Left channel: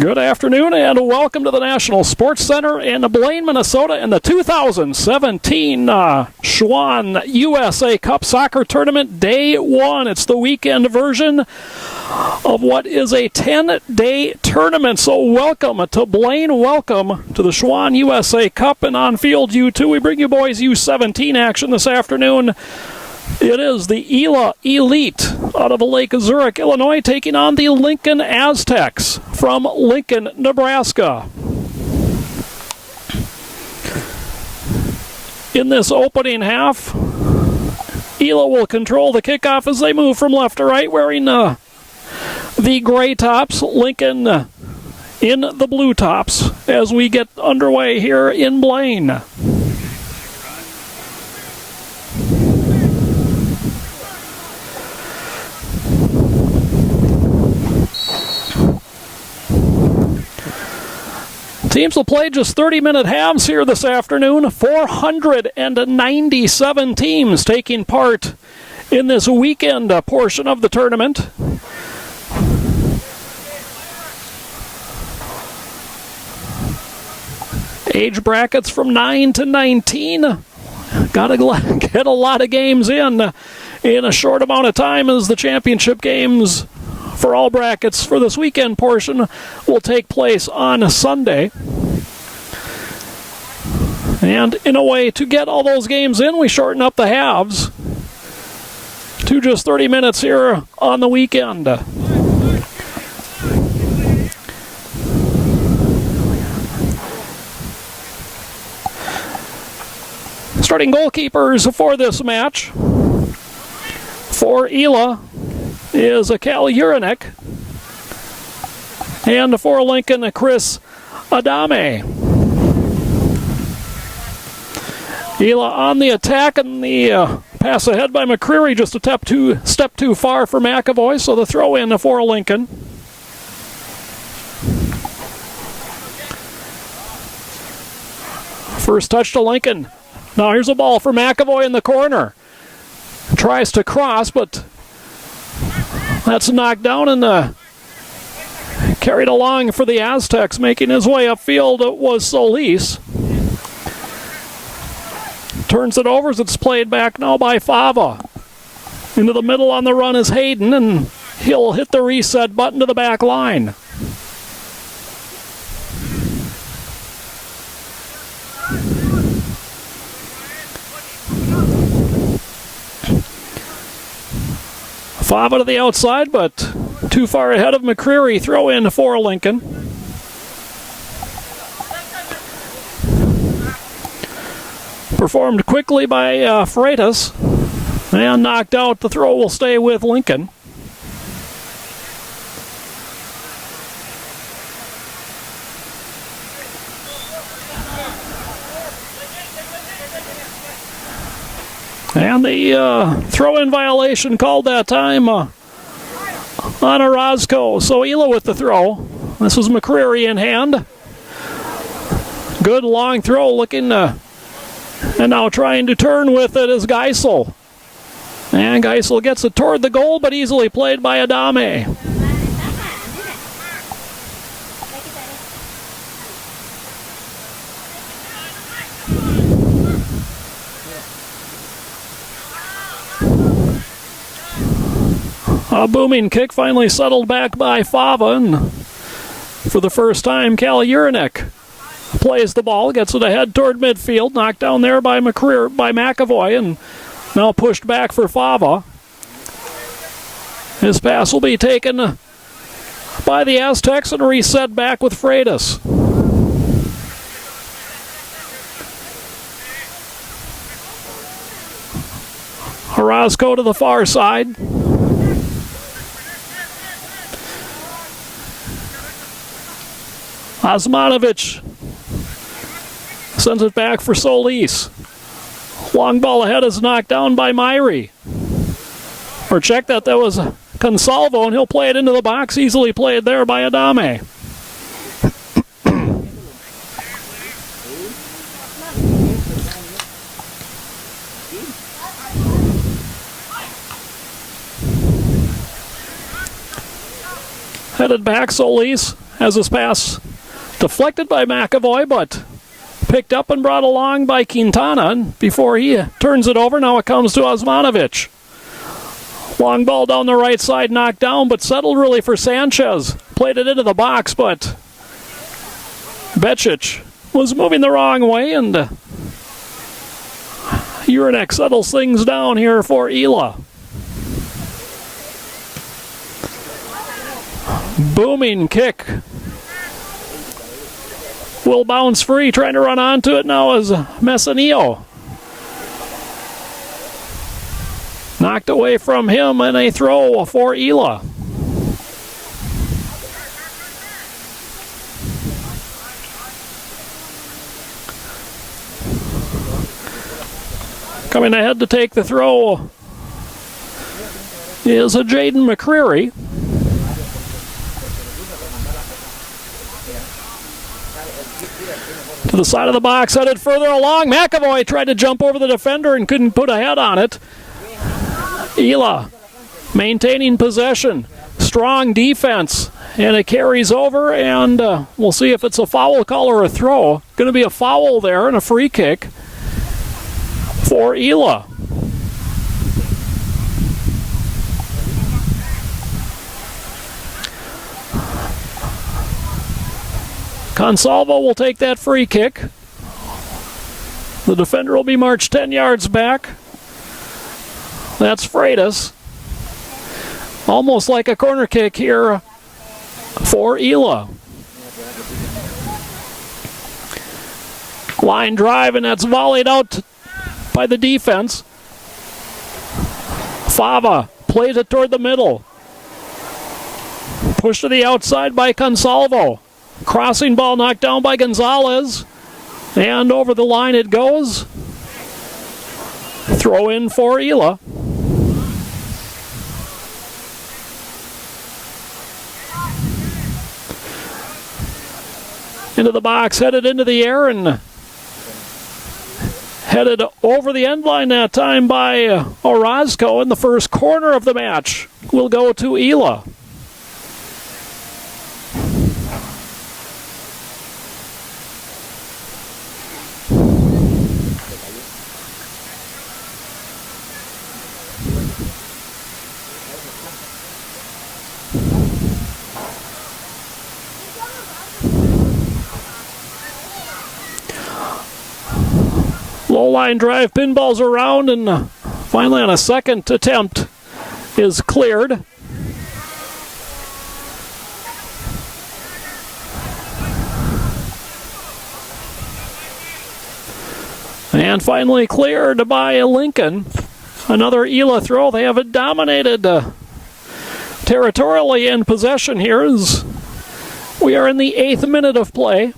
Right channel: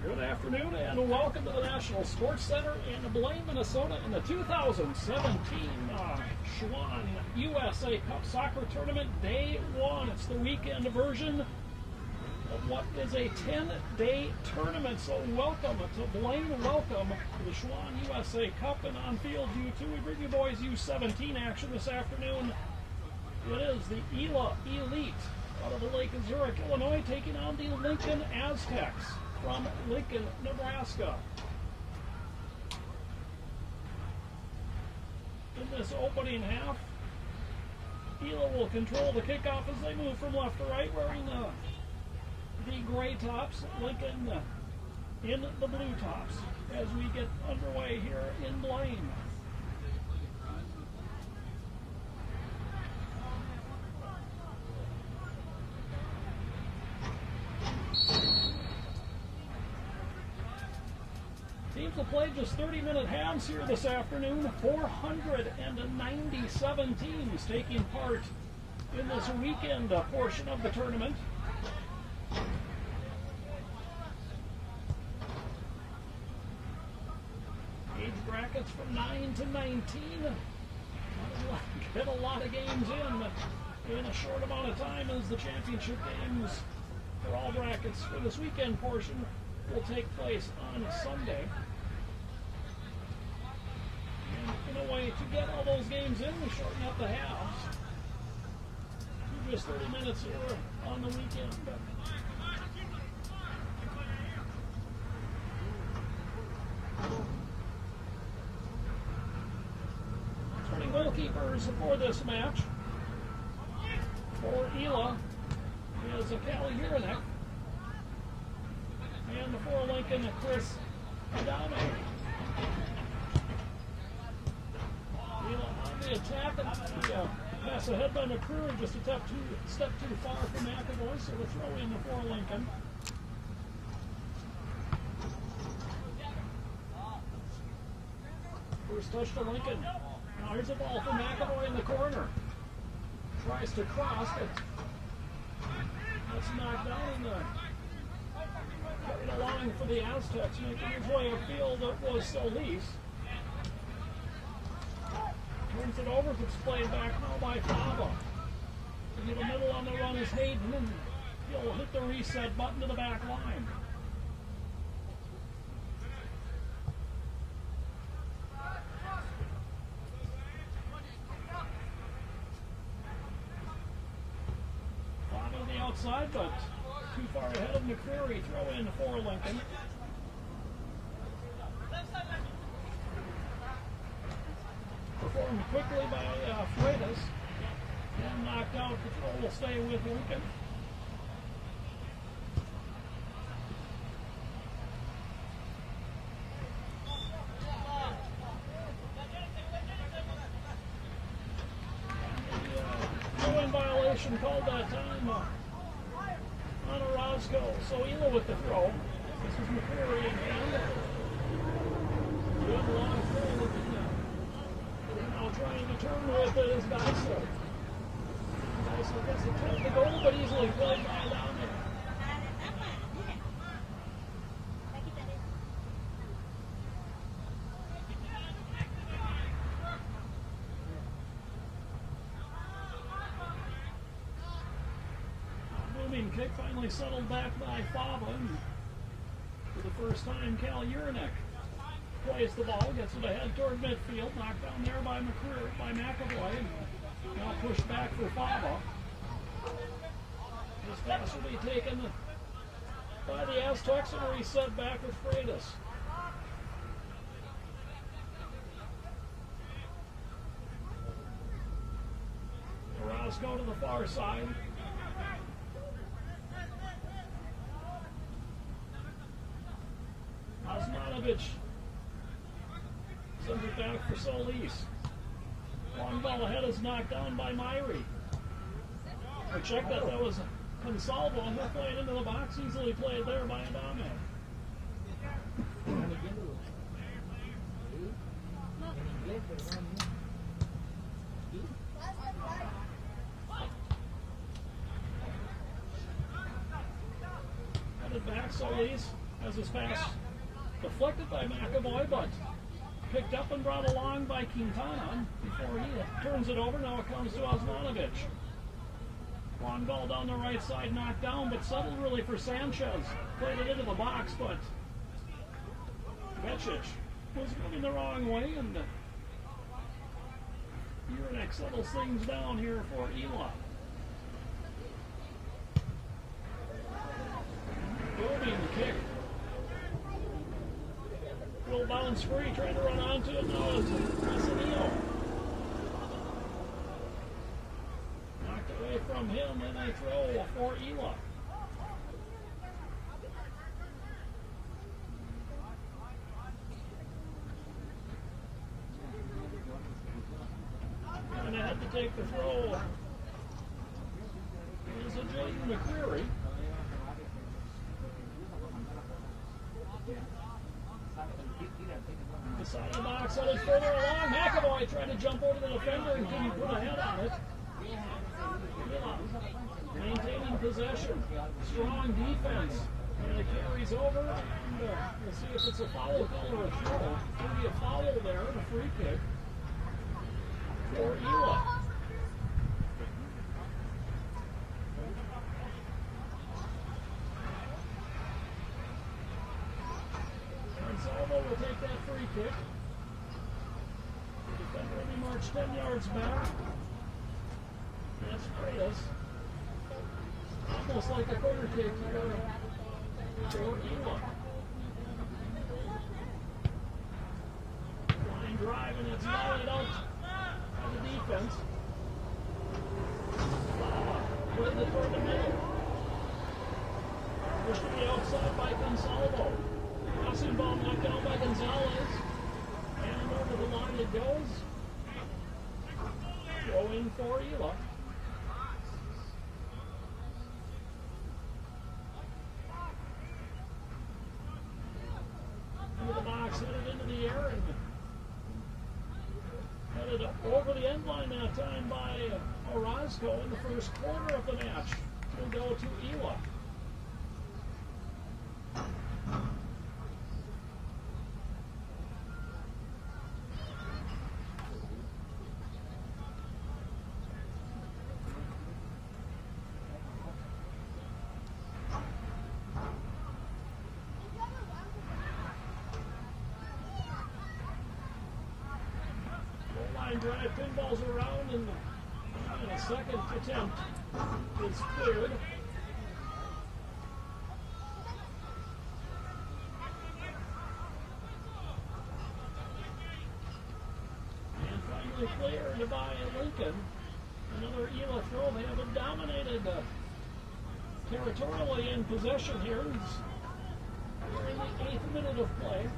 Good afternoon and welcome to the National Sports Center in Blaine, Minnesota in the 2017 Schwann USA Cup Soccer Tournament Day 1. It's the weekend version of what is a 10-day tournament. So welcome to Blaine, welcome to the Schwann USA Cup, and on field U2 we bring you boys U17 action this afternoon. It is the ELA Elite out of Lake Zurich, Illinois, taking on the LincolnAztecs from Lincoln, Nebraska. In this opening half, ELA will control the kickoff as they move from left to right, wearing the gray tops. Lincoln in the blue tops as we get underway here in Blaine. Teams will play just 30-minute halves here this afternoon. 497 teams taking part in this weekend portion of the tournament. Age brackets from 9 to 19. Gotta get a lot of games in a short amount of time, as the championship games for all brackets for this weekend portion will take place on Sunday. And in a way to get all those games in, we shorten up the halves to just 30 minutes here on the weekend. Starting goalkeepers for this match for ELA is Cal Urinek, and for Lincoln, Chris Adame. ELA on the attack, and the pass ahead by McCreary, just a step too far for McAvoy, so the throw in for Lincoln. First touch to Lincoln. Now here's a ball for McAvoy in the corner. Tries to cross, but that's knocked down and carried along for the Aztecs. Making his way upfield was Solis. Turns it over as it's played back now by Fava. Into the middle on the run is Hayden, and he'll hit the reset button to the back line. Fava to the outside, but too far ahead of McCreary. Throw in for Lincoln. Performed quickly by Freitas, and knocked out. The throw will stay with Lincoln. And the throw-in violation called that time on Orozco. So ELA with the throw. This was McCreary in hand. Good long throw, looking and now trying to turn with it is Geisel. And Geisel gets it toward the goal, but easily played by Adame. A booming kick finally settled back by Fava, and for the first time, Cal Urinek plays the ball, gets it ahead toward midfield, knocked down there by McAvoy, and now pushed back for Fava. His pass will be taken by the Aztecs and reset back with Freitas. Orozco to the far side. Osmanovic sends it back for Solis. Long ball ahead is knocked down by Myrie. Or check that was Consalvo, and he'll play it into the box. Easily played there by Adame. Headed back, Solis has his pass deflected by McAvoy, but picked up and brought along by Quintana. And before he turns it over, now it comes to Osmanovic. Long ball down the right side, knocked down, but settled really for Sanchez. Played it into the box, but Becic was moving the wrong way, and Uranek settles things down here for ELA. Booming kick. Will bounce free, trying to run onto it now is Messinillo. Knocked away from him, and a throw for ELA. Coming ahead to take the throw is a Jaden McCreary. To the side of the box, headed further along. McAvoy tried to jump over the defender and couldn't put a head on it. ELA maintaining possession. Strong defense. And it carries over, and we'll see if it's a foul call or a throw. Going to be a foul there and a free kick for ELA. Consalvo will take that free kick. The defender will be marched 10 yards back. That's Freitas. Almost like a corner kick here for ELA. Line drive, and that's volleyed out by the defense. Fava plays it toward the middle. Pushed to the outside by Consalvo. Crossing ball knocked down by Gonzalez. And over the line it goes. Throw in for ELA. Into the box, headed into the air, and headed over the end line that time by Orozco in the first corner of the match. Will go to ELA. Low line drive, pinballs around, and finally on a second attempt is cleared. And finally cleared by Lincoln. Another ELA throw. They have it dominated territorially in possession here as we are in the 8th minute of play.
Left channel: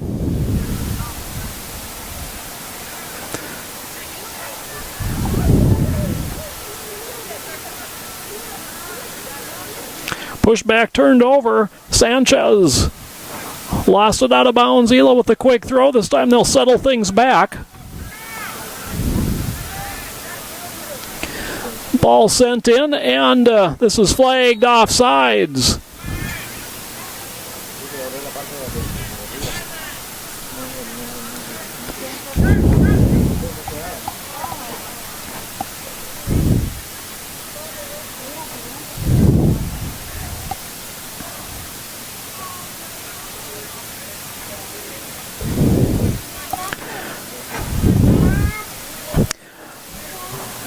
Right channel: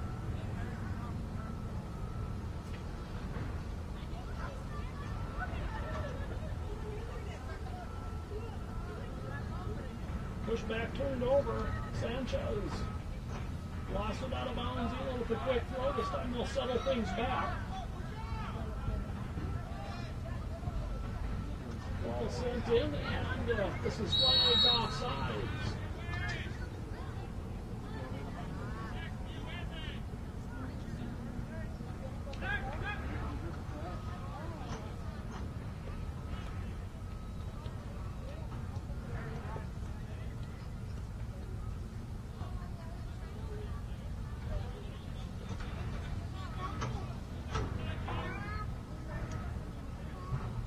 Pushback turned over. Sanchez lost it out of bounds. ELA with the quick throw. This time they'll settle things back. Ball sent in, and this is flagged offsides.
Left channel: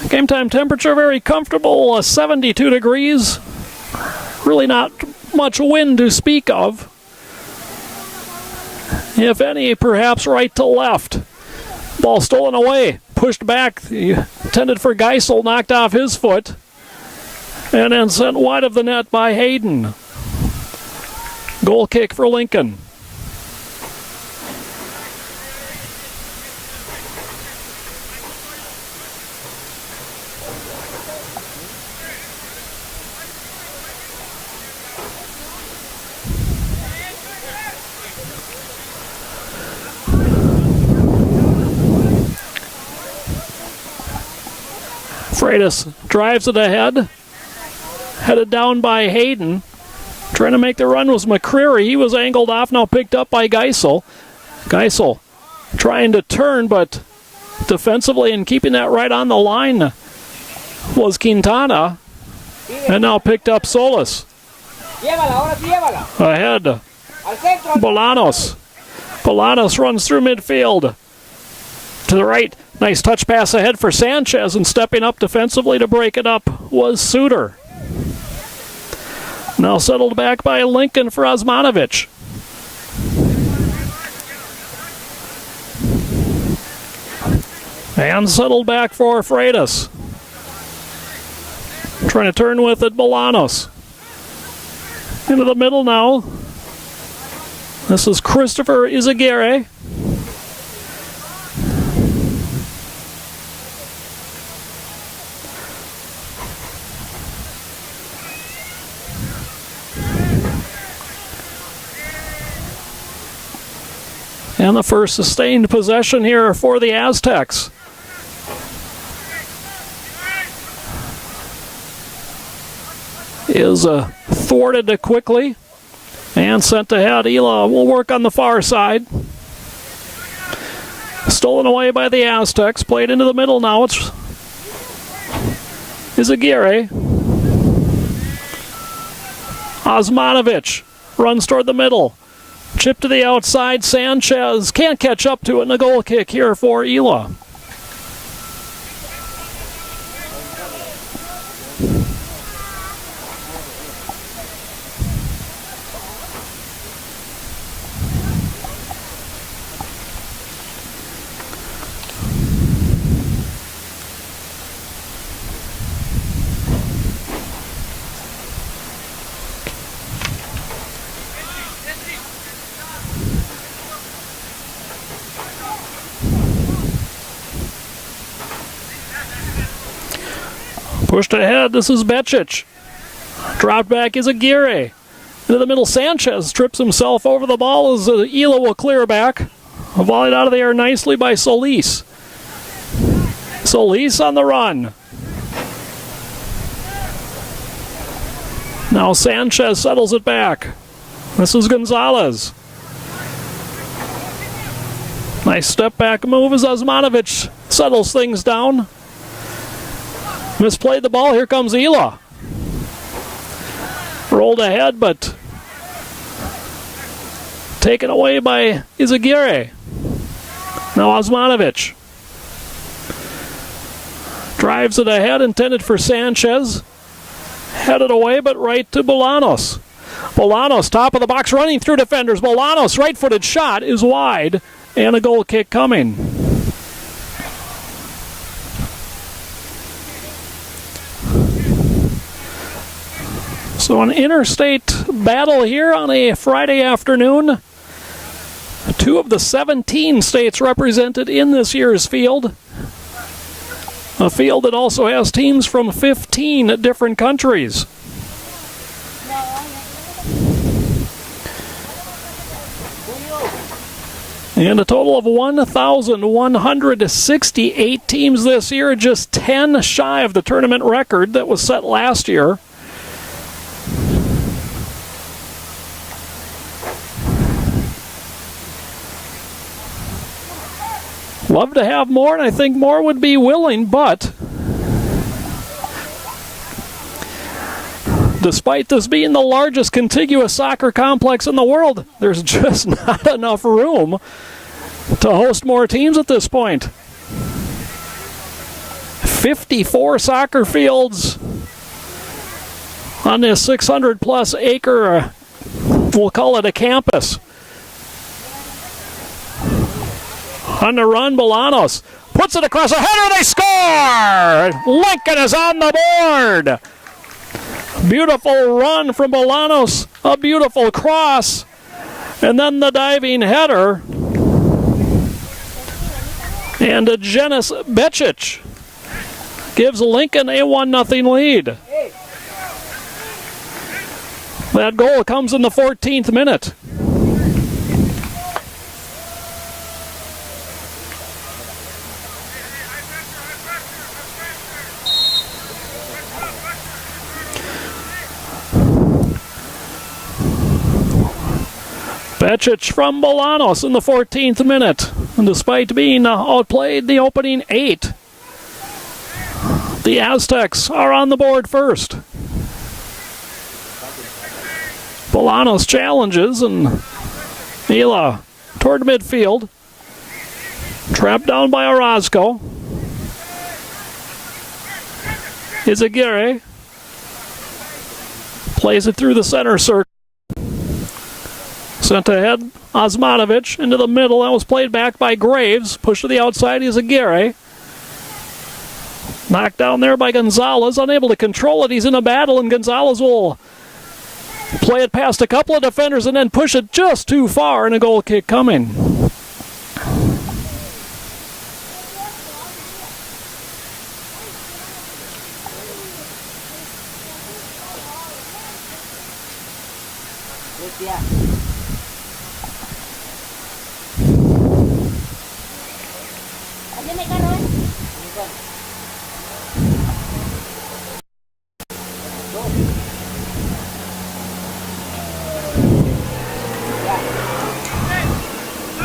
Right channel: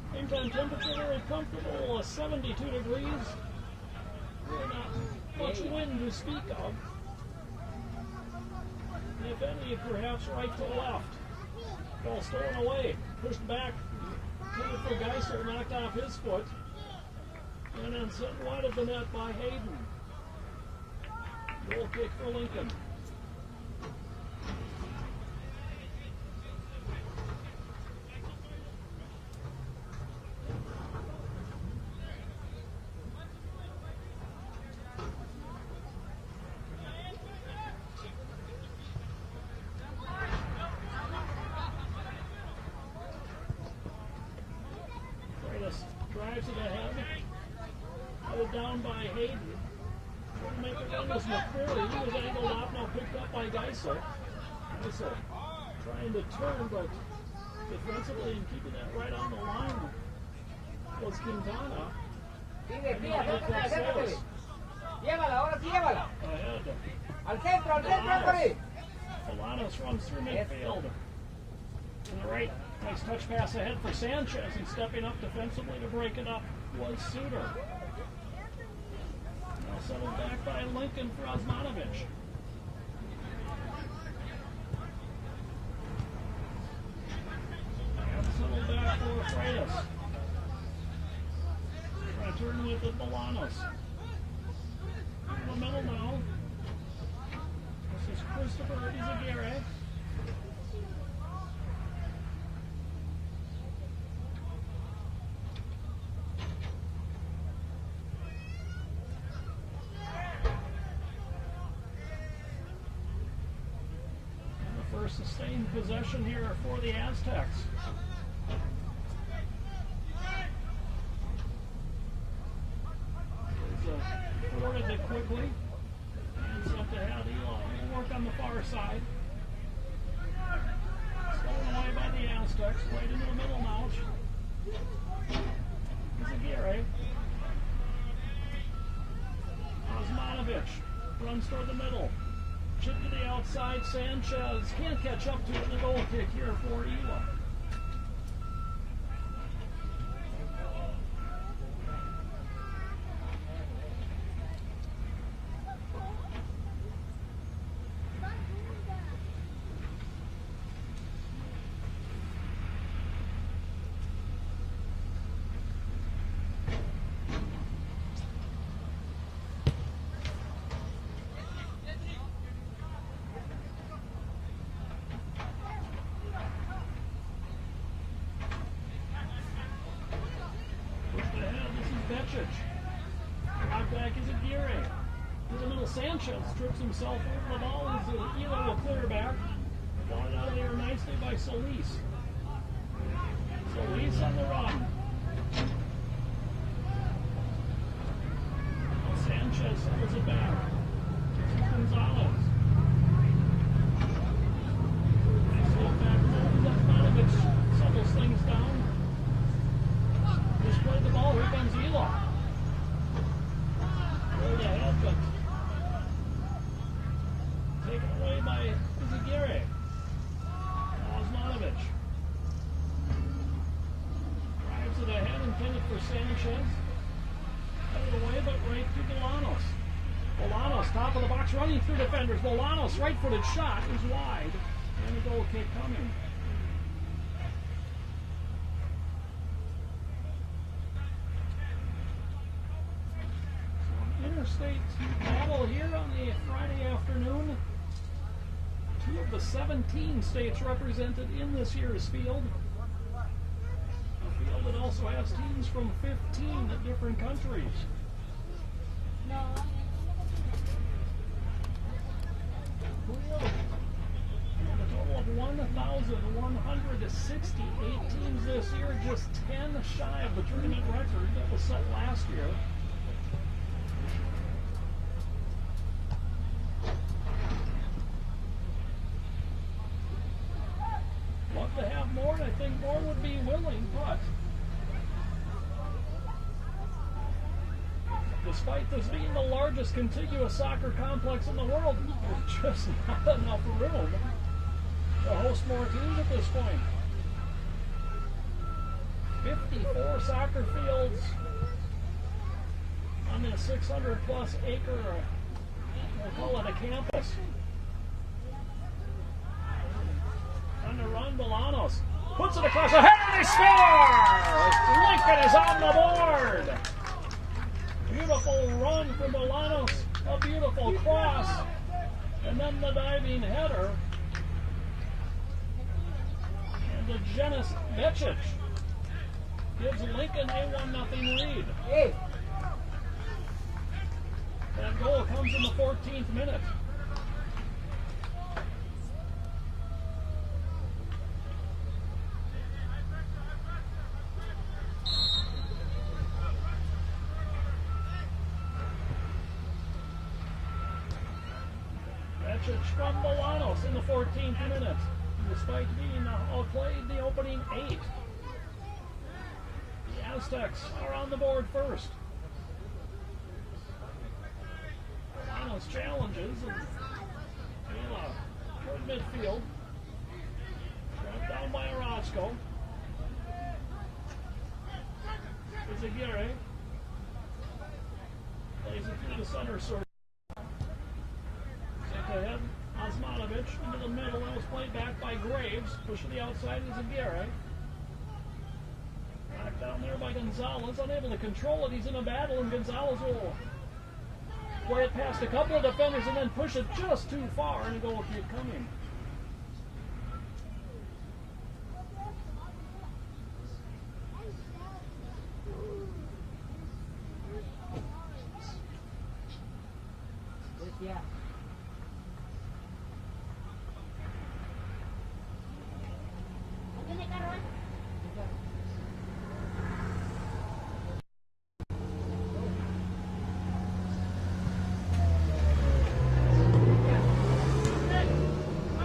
Game time temperature very comfortable, 72 degrees. Really not much wind to speak of. If any, perhaps right to left. Ball stolen away, pushed back, intended for Geisel, knocked off his foot, and then sent wide of the net by Hayden. Goal kick for Lincoln. Freitas drives it ahead. Headed down by Hayden. Trying to make the run was McCreary. He was angled off, now picked up by Geisel. Geisel trying to turn, but defensively and keeping that right on the line was Quintana. And now picked up Solis. Ahead, Bolanos. Bolanos runs through midfield. To the right, nice touch pass ahead for Sanchez, and stepping up defensively to break it up was Suter. Now settled back by Lincoln for Osmanovic. And settled back for Freitas. Trying to turn with it, Bolanos. Into the middle now. This is Christopher Izaguirre. And the first sustained possession here for the Aztecs. Is thwarted quickly and sent ahead. ELA will work on the far side. Stolen away by the Aztecs. Played into the middle now. It's Izaguirre. Osmanovic runs toward the middle. Chip to the outside. Sanchez can't catch up to it. And a goal kick here for ELA. Pushed ahead, this is Becic. Dropped back is Aguirre. Into the middle, Sanchez trips himself over the ball as ELA will clear back. Volleyed out of the air nicely by Solis. Solis on the run. Now Sanchez settles it back. This is Gonzalez. Nice step back move as Osmanovic settles things down. Misplayed the ball, here comes ELA. Rolled ahead, but taken away by Izaguirre. Now Osmanovic. Drives it ahead, intended for Sanchez. Headed away, but right to Bolanos. Bolanos, top of the box, running through defenders. Bolanos, right-footed shot is wide, and a goal kick coming. So an interstate battle here on a Friday afternoon. 2 of the 17 states represented in this year's field. A field that also has teams from 15 different countries. And a total of 1,168 teams this year, just 10 shy of the tournament record that was set last year. Love to have more, and I think more would be willing, but despite this being the largest contiguous soccer complex in the world, there's just not enough room to host more teams at this point. 54 soccer fields on this 600-plus acre, we'll call it a campus. On the run, Bolanos puts it across a header, they score! Lincoln is on the board! Beautiful run from Bolanos, a beautiful cross, and then the diving header. And Jenis Becic gives Lincoln a 1-0 lead. That goal comes in the 14th minute. Becic from Bolanos in the 14th minute. And despite being outplayed the opening 8, the Aztecs are on the board first. Bolanos challenges and ELA toward midfield. Trapped down by Orozco. Izaguirre plays it through the center circle. Sent ahead, Osmanovic into the middle. That was played back by Graves. Pushed to the outside, Izaguirre. Knocked down there by Gonzalez. Unable to control it. He's in a battle, and Gonzalez will play it past a couple of defenders and then push it just too far, and a goal kick coming.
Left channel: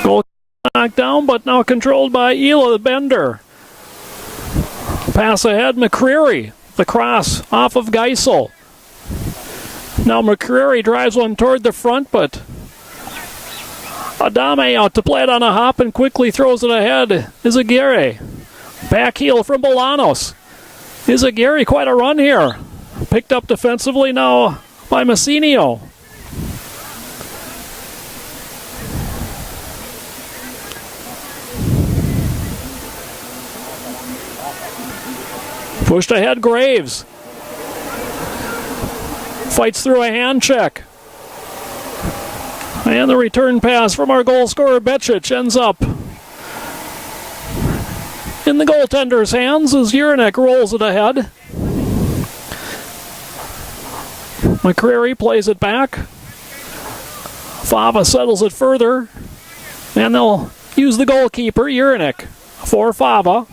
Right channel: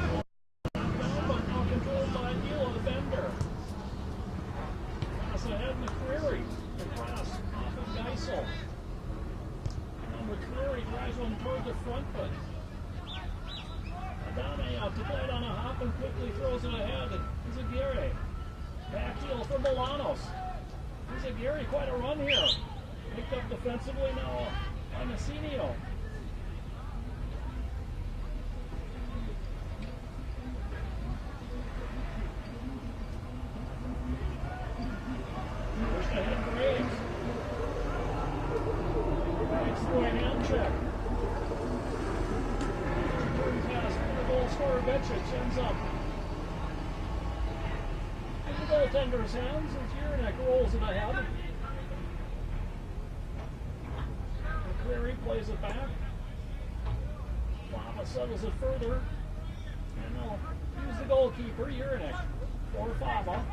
Goal knocked down, but now controlled by ELA Bender. Pass ahead, McCreary. The cross off of Geisel. Now McCreary drives one toward the front, but Adame out to play it on a hop and quickly throws it ahead. Izaguirre. Back heel from Bolanos. Izaguirre, quite a run here. Picked up defensively now by Messinio. Pushed ahead, Graves. Fights through a hand check. And the return pass from our goal scorer, Becic, ends up in the goaltender's hands as Urinek rolls it ahead. McCreary plays it back. Fava settles it further. And they'll use the goalkeeper, Urinek, for Fava.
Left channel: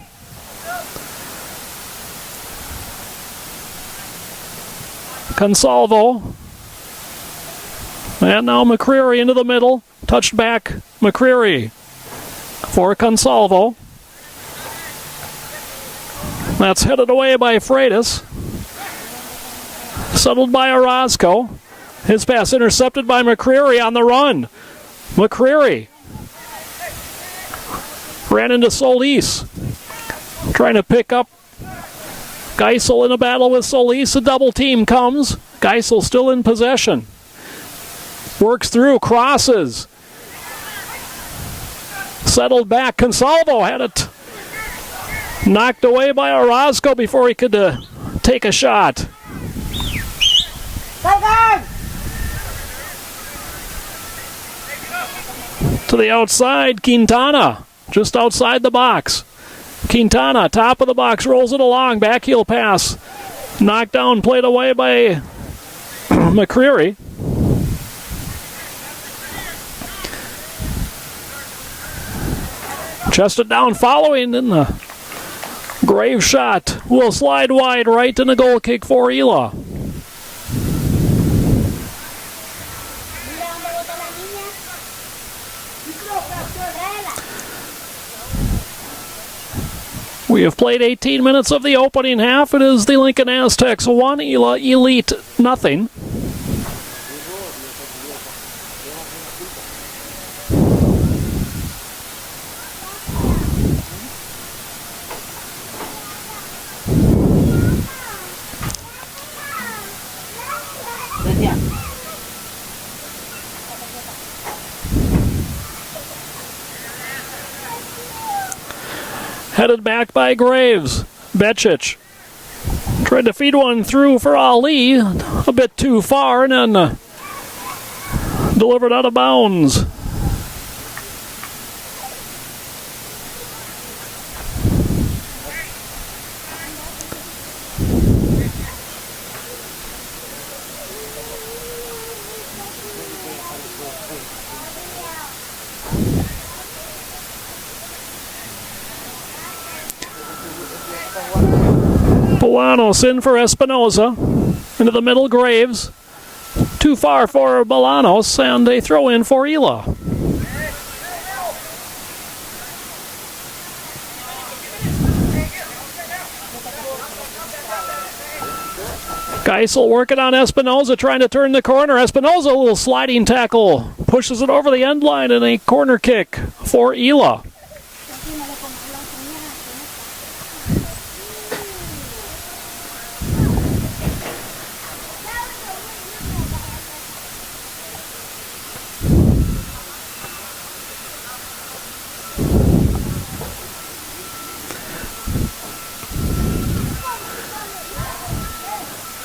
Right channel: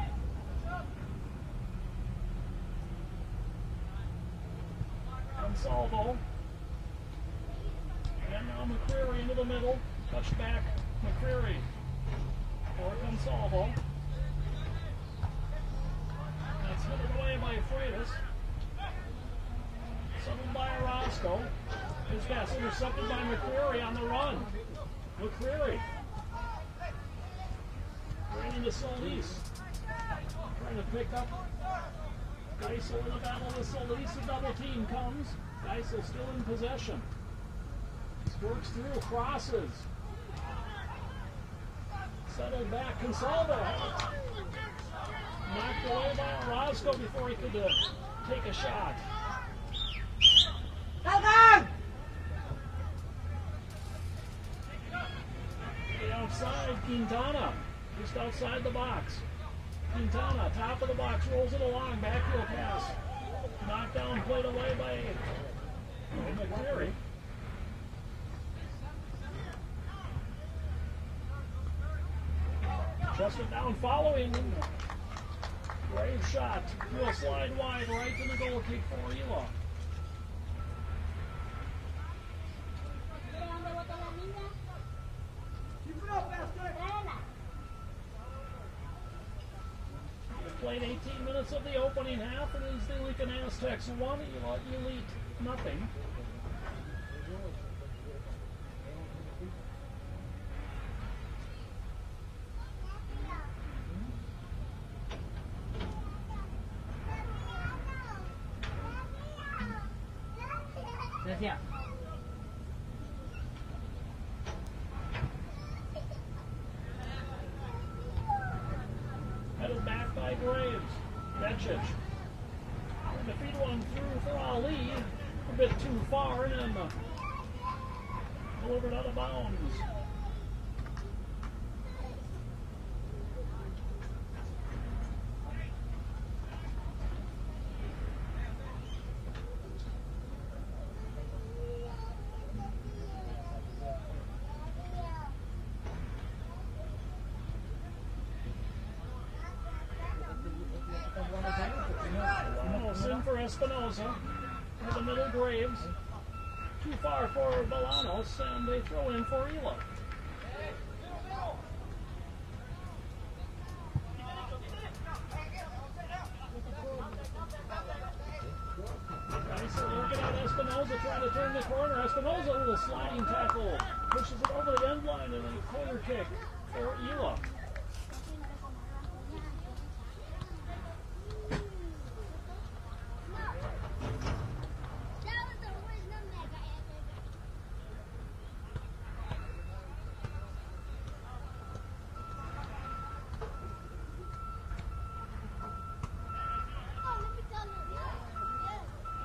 Consalvo. And now McCreary into the middle. Touched back, McCreary for Consalvo. That's headed away by Freitas. Settled by Orozco. His pass intercepted by McCreary on the run. McCreary ran into Solis. Trying to pick up Geisel in a battle with Solis. A double team comes. Geisel still in possession. Works through, crosses. Settled back. Consalvo had it knocked away by Orozco before he could take a shot. To the outside, Quintana, just outside the box. Quintana, top of the box, rolls it along, backheel pass. Knocked down, played away by McCreary. Chested down following, and the Grave shot will slide wide right, and a goal kick for ELA. We have played 18 minutes of the opening half. It is the Lincoln Aztecs 1, ELA Elite nothing. Headed back by Graves. Becic tried to feed one through for Ali, a bit too far, and then delivered out of bounds. Bolanos in for Espinoza. Into the middle, Graves. Too far for Bolanos, and a throw in for ELA. Geisel working on Espinoza, trying to turn the corner. Espinoza, a little sliding tackle, pushes it over the end line, and a corner kick for ELA.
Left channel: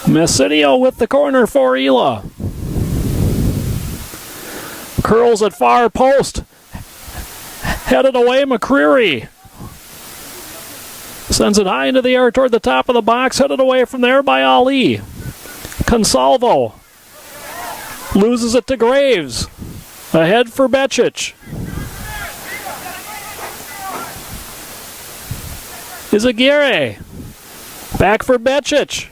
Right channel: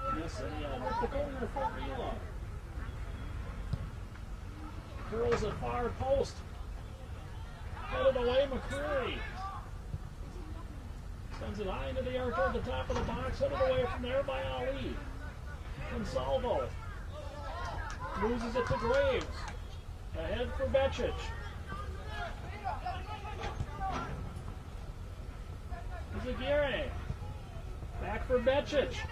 Messinio with the corner for ELA. Curls at far post. Headed away, McCreary. Sends it high into the air toward the top of the box. Headed away from there by Ali. Consalvo. Loses it to Graves. Ahead for Becic. Izaguirre. Back for Becic.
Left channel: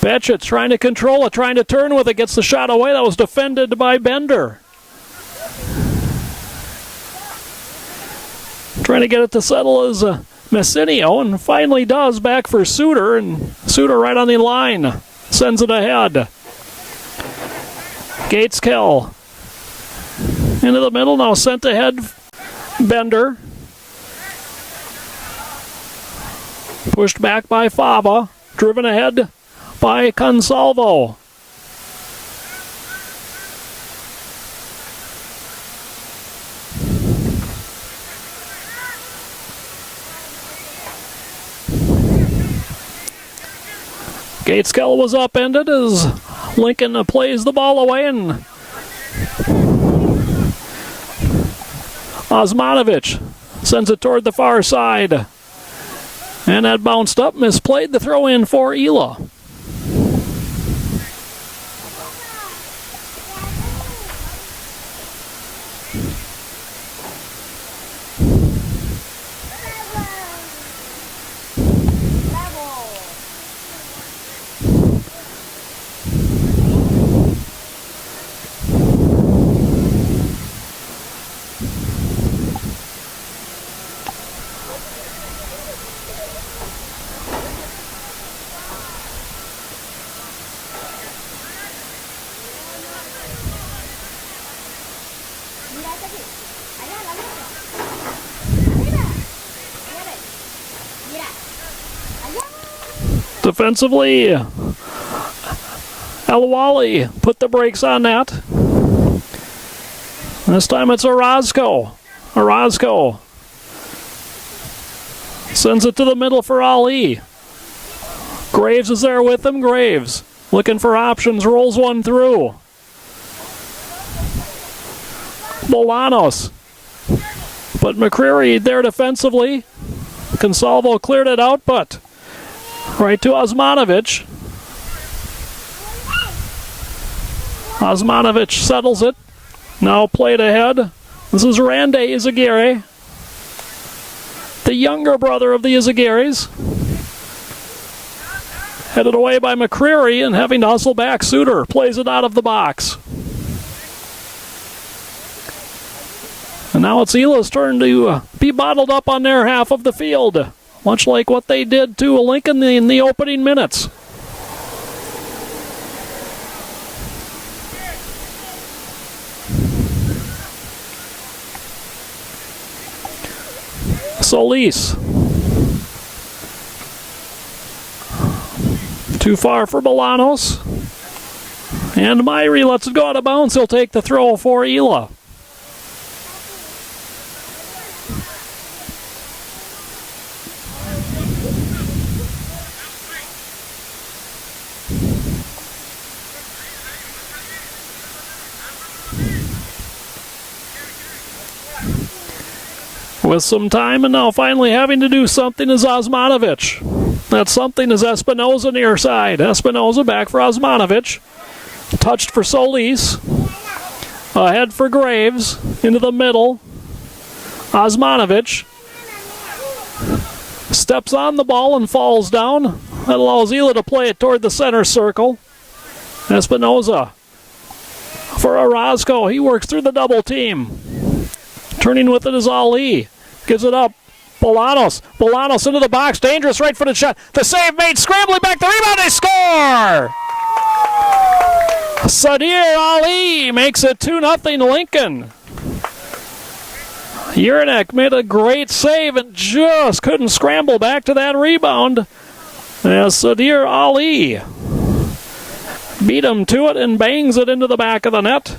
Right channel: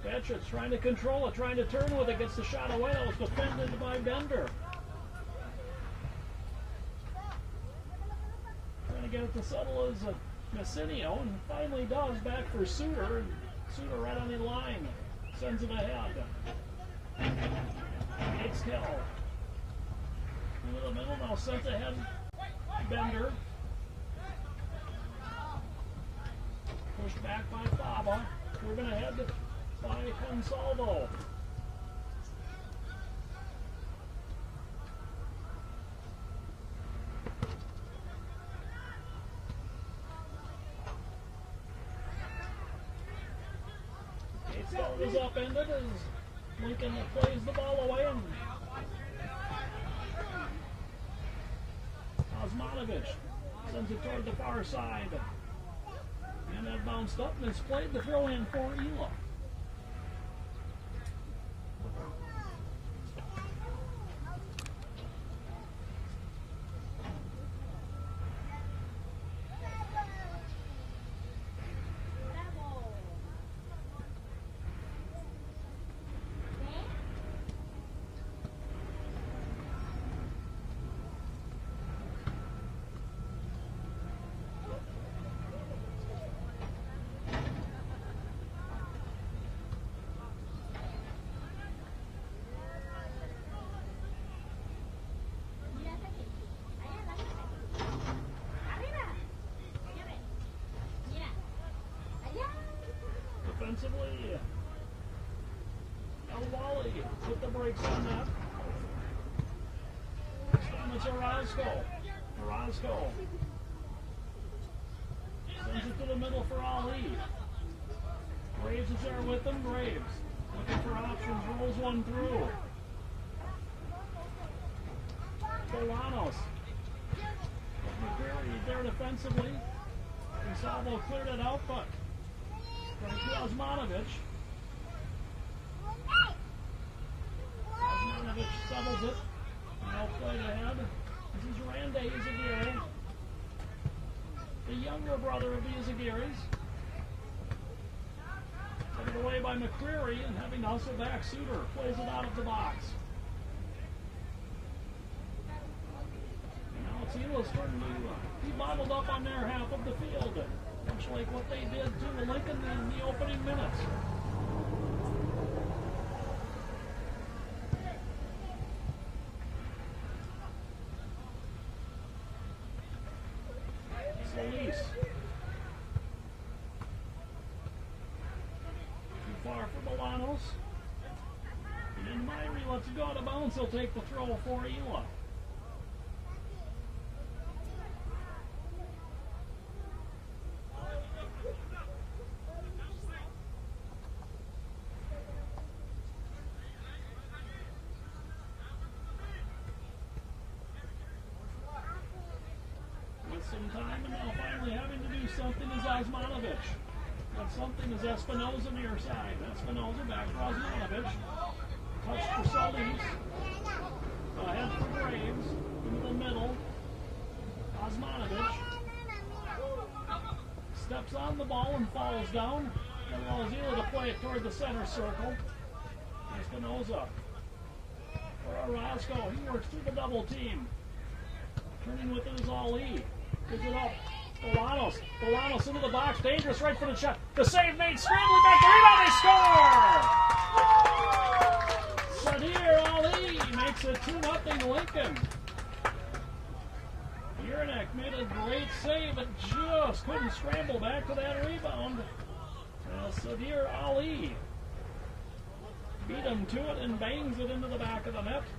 Becic trying to control it, trying to turn with it, gets the shot away. That was defended by Bender. Trying to get it to settle is Messinio, and finally does. Back for Suter, and Suter right on the line. Sends it ahead. Gateskill into the middle, now sent ahead. Bender. Pushed back by Fava. Driven ahead by Consalvo. Gateskill was upended as Lincoln plays the ball away, and Osmanovic sends it toward the far side. And that bounced up, misplayed the throw in for ELA. Defensively, Elwali put the brakes on that. This time it's Orozco. Orozco sends it to the middle for Ali. Graves is there with him. Graves looking for options, rolls one through. Bolanos. But McCreary there defensively. Consalvo cleared it out, but right to Osmanovic. Osmanovic settles it. Now played ahead. This is Randy Izaguirre, the younger brother of the Izaguirres. Headed away by McCreary and having to hustle back. Suter plays it out of the box. And now it's ELA's turn to be bottled up on their half of the field, much like what they did to Lincoln in the opening minutes. Solis. Too far for Bolanos. And Myrie lets it go out of bounds. He'll take the throw for ELA. With some time, and now finally having to do something is Osmanovic. That something is Espinoza near side. Espinoza back for Osmanovic. Touched for Solis. Ahead for Graves. Into the middle. Osmanovic steps on the ball and falls down. That allows ELA to play it toward the center circle. Espinoza Orozco. He works through the double team. Turning with it is Ali. Gives it up. Bolanos. Bolanos into the box. Dangerous right-footed shot. The save made. Scrambling back. The rebound. They score! Sadir Ali makes it 2-0 Lincoln. Urinek made a great save and just couldn't scramble back to that rebound. As Sadir Ali beat him to it and bangs it into the back of the net.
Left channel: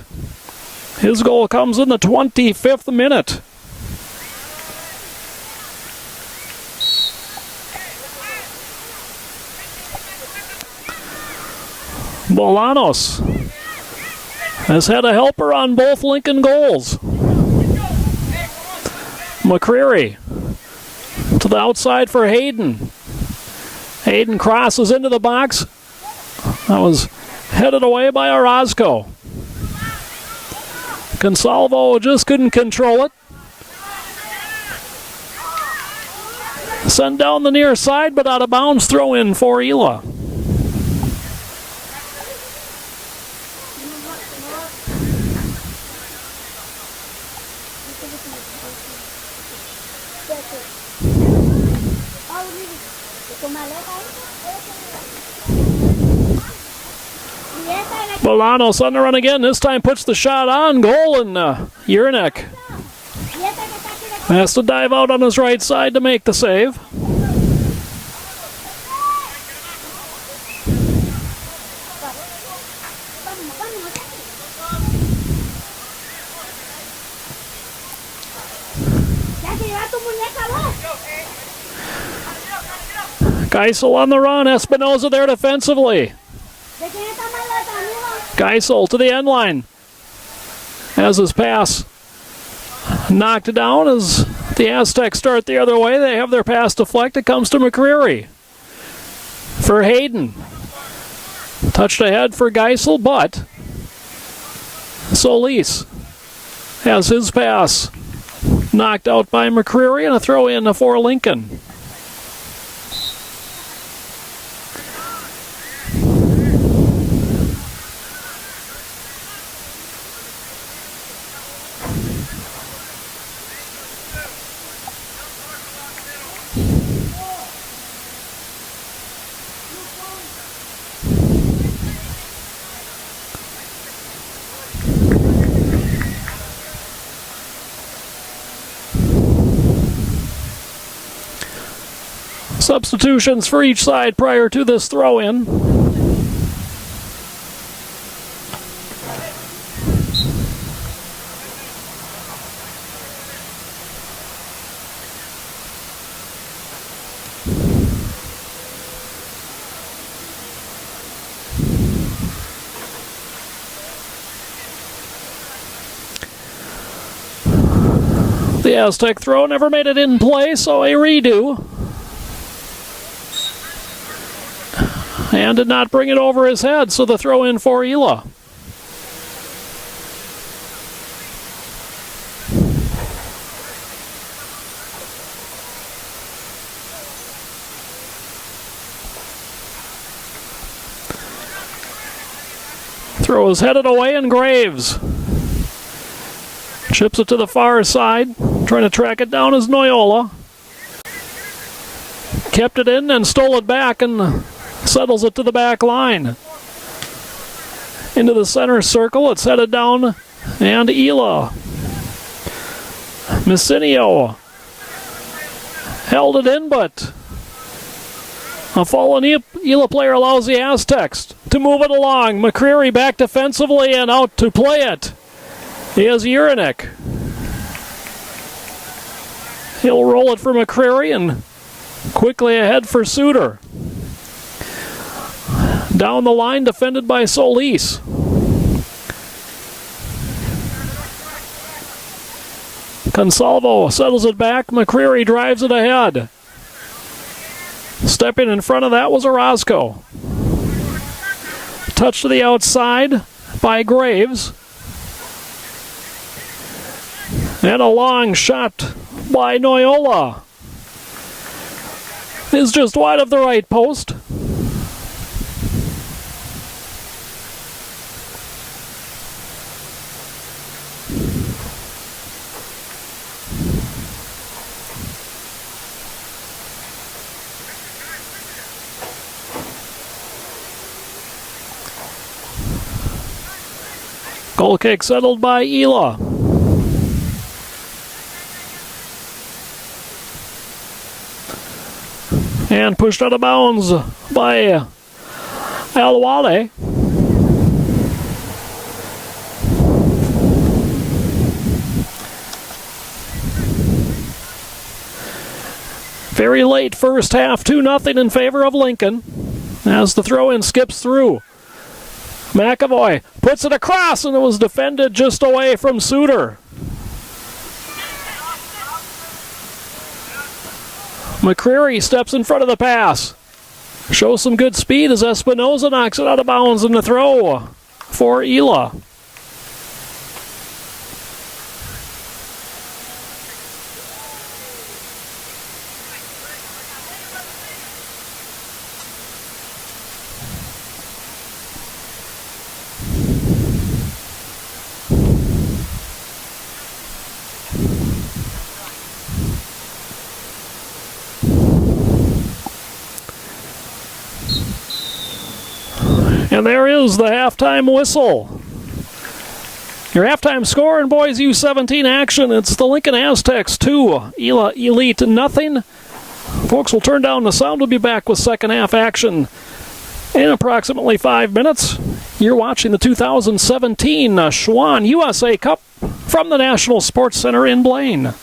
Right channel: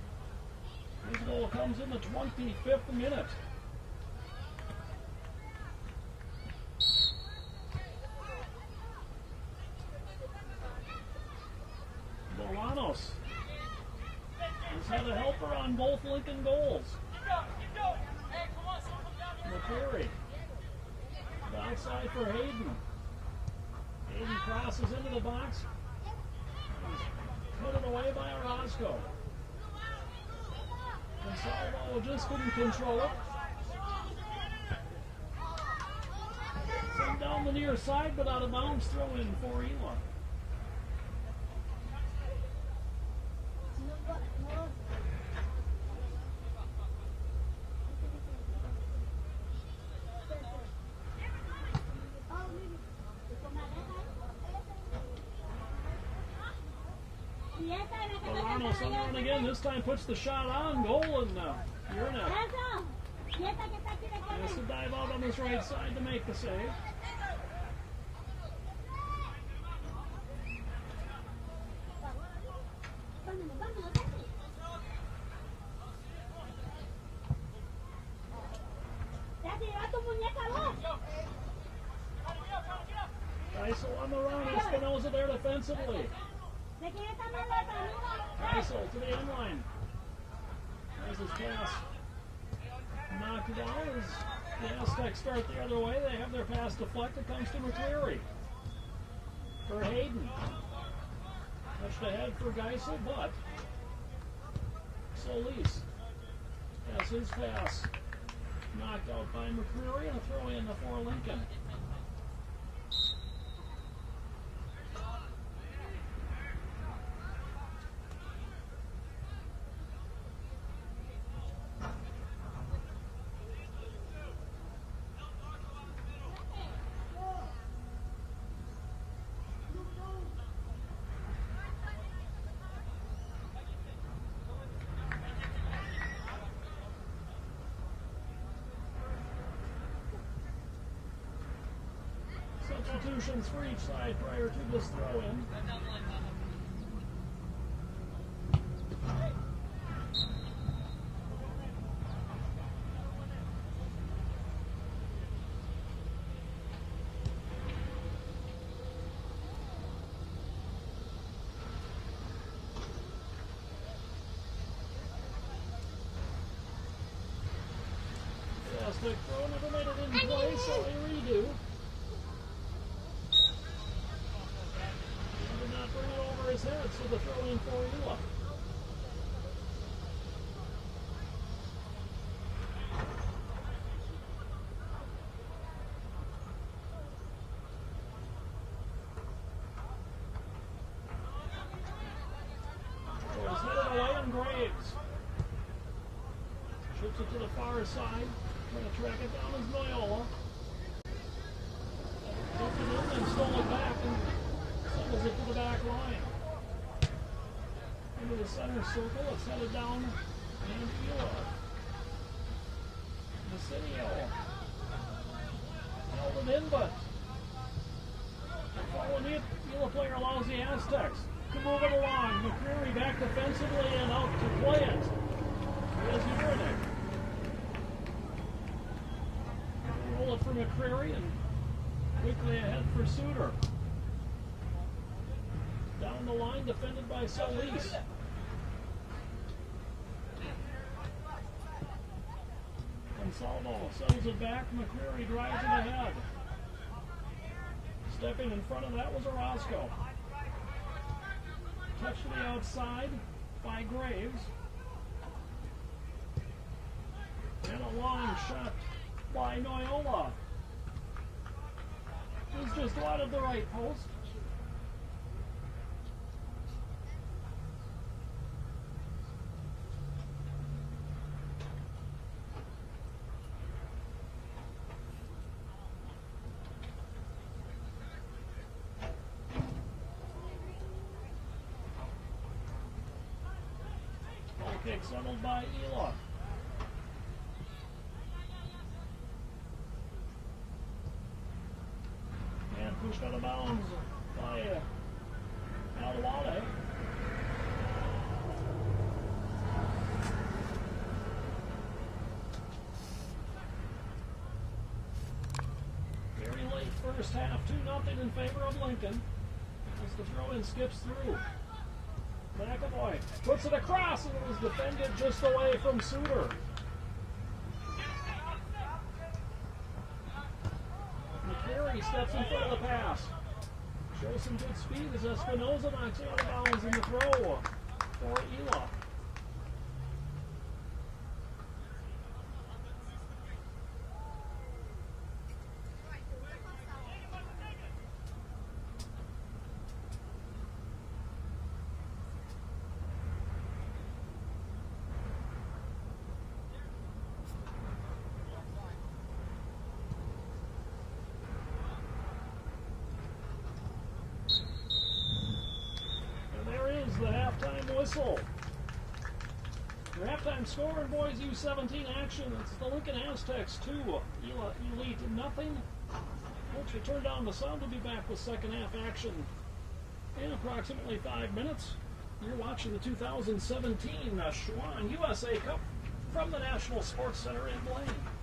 His goal comes in the 25th minute. Bolanos has had a helper on both Lincoln goals. McCreary to the outside for Hayden. Hayden crosses into the box. That was headed away by Orozco. Consalvo just couldn't control it. Sent down the near side, but out of bounds. Throw in for ELA. Bolanos on the run again. This time puts the shot on goal, and Urinek has to dive out on his right side to make the save. Geisel on the run. Espinoza there defensively. Geisel to the end line. Has his pass knocked down as the Aztecs start the other way. They have their pass deflected. Comes to McCreary. For Hayden. Touched ahead for Geisel, but Solis has his pass knocked out by McCreary, and a throw in for Lincoln. Substitutions for each side prior to this throw-in. The Aztec throw never made it in play, so a redo. And did not bring it over his head, so the throw in for ELA. Throw is headed away, and Graves chips it to the far side. Trying to track it down is Noyola. Kept it in and stole it back and settles it to the back line. Into the center circle, it's headed down, and ELA. Messinio held it in, but a fallen ELA player allows the Aztecs to move it along. McCreary back defensively and out to play it. Here's Urinek. He'll roll it for McCreary and quickly ahead for Suter. Down the line, defended by Solis. Consalvo settles it back. McCreary drives it ahead. Stepping in front of that was Orozco. Touch to the outside by Graves. And a long shot by Noyola is just wide of the right post. Goal kick settled by ELA. And pushed out of bounds by ElaElite. Very late first half, 2-0 in favor of Lincoln. As the throw-in skips through. McAvoy puts it across, and it was defended just away from Suter. McCreary steps in front of the pass. Shows some good speed as Espinoza knocks it out of bounds in the throw for ELA. And there is the halftime whistle. Your halftime score in boys U17 action, it's the Lincoln Aztecs 2, ELA Elite nothing. Folks will turn down the sound. We'll be back with second half action in approximately 5 minutes. You're watching the 2017 Schwann USA Cup from the National Sports Center in Blaine.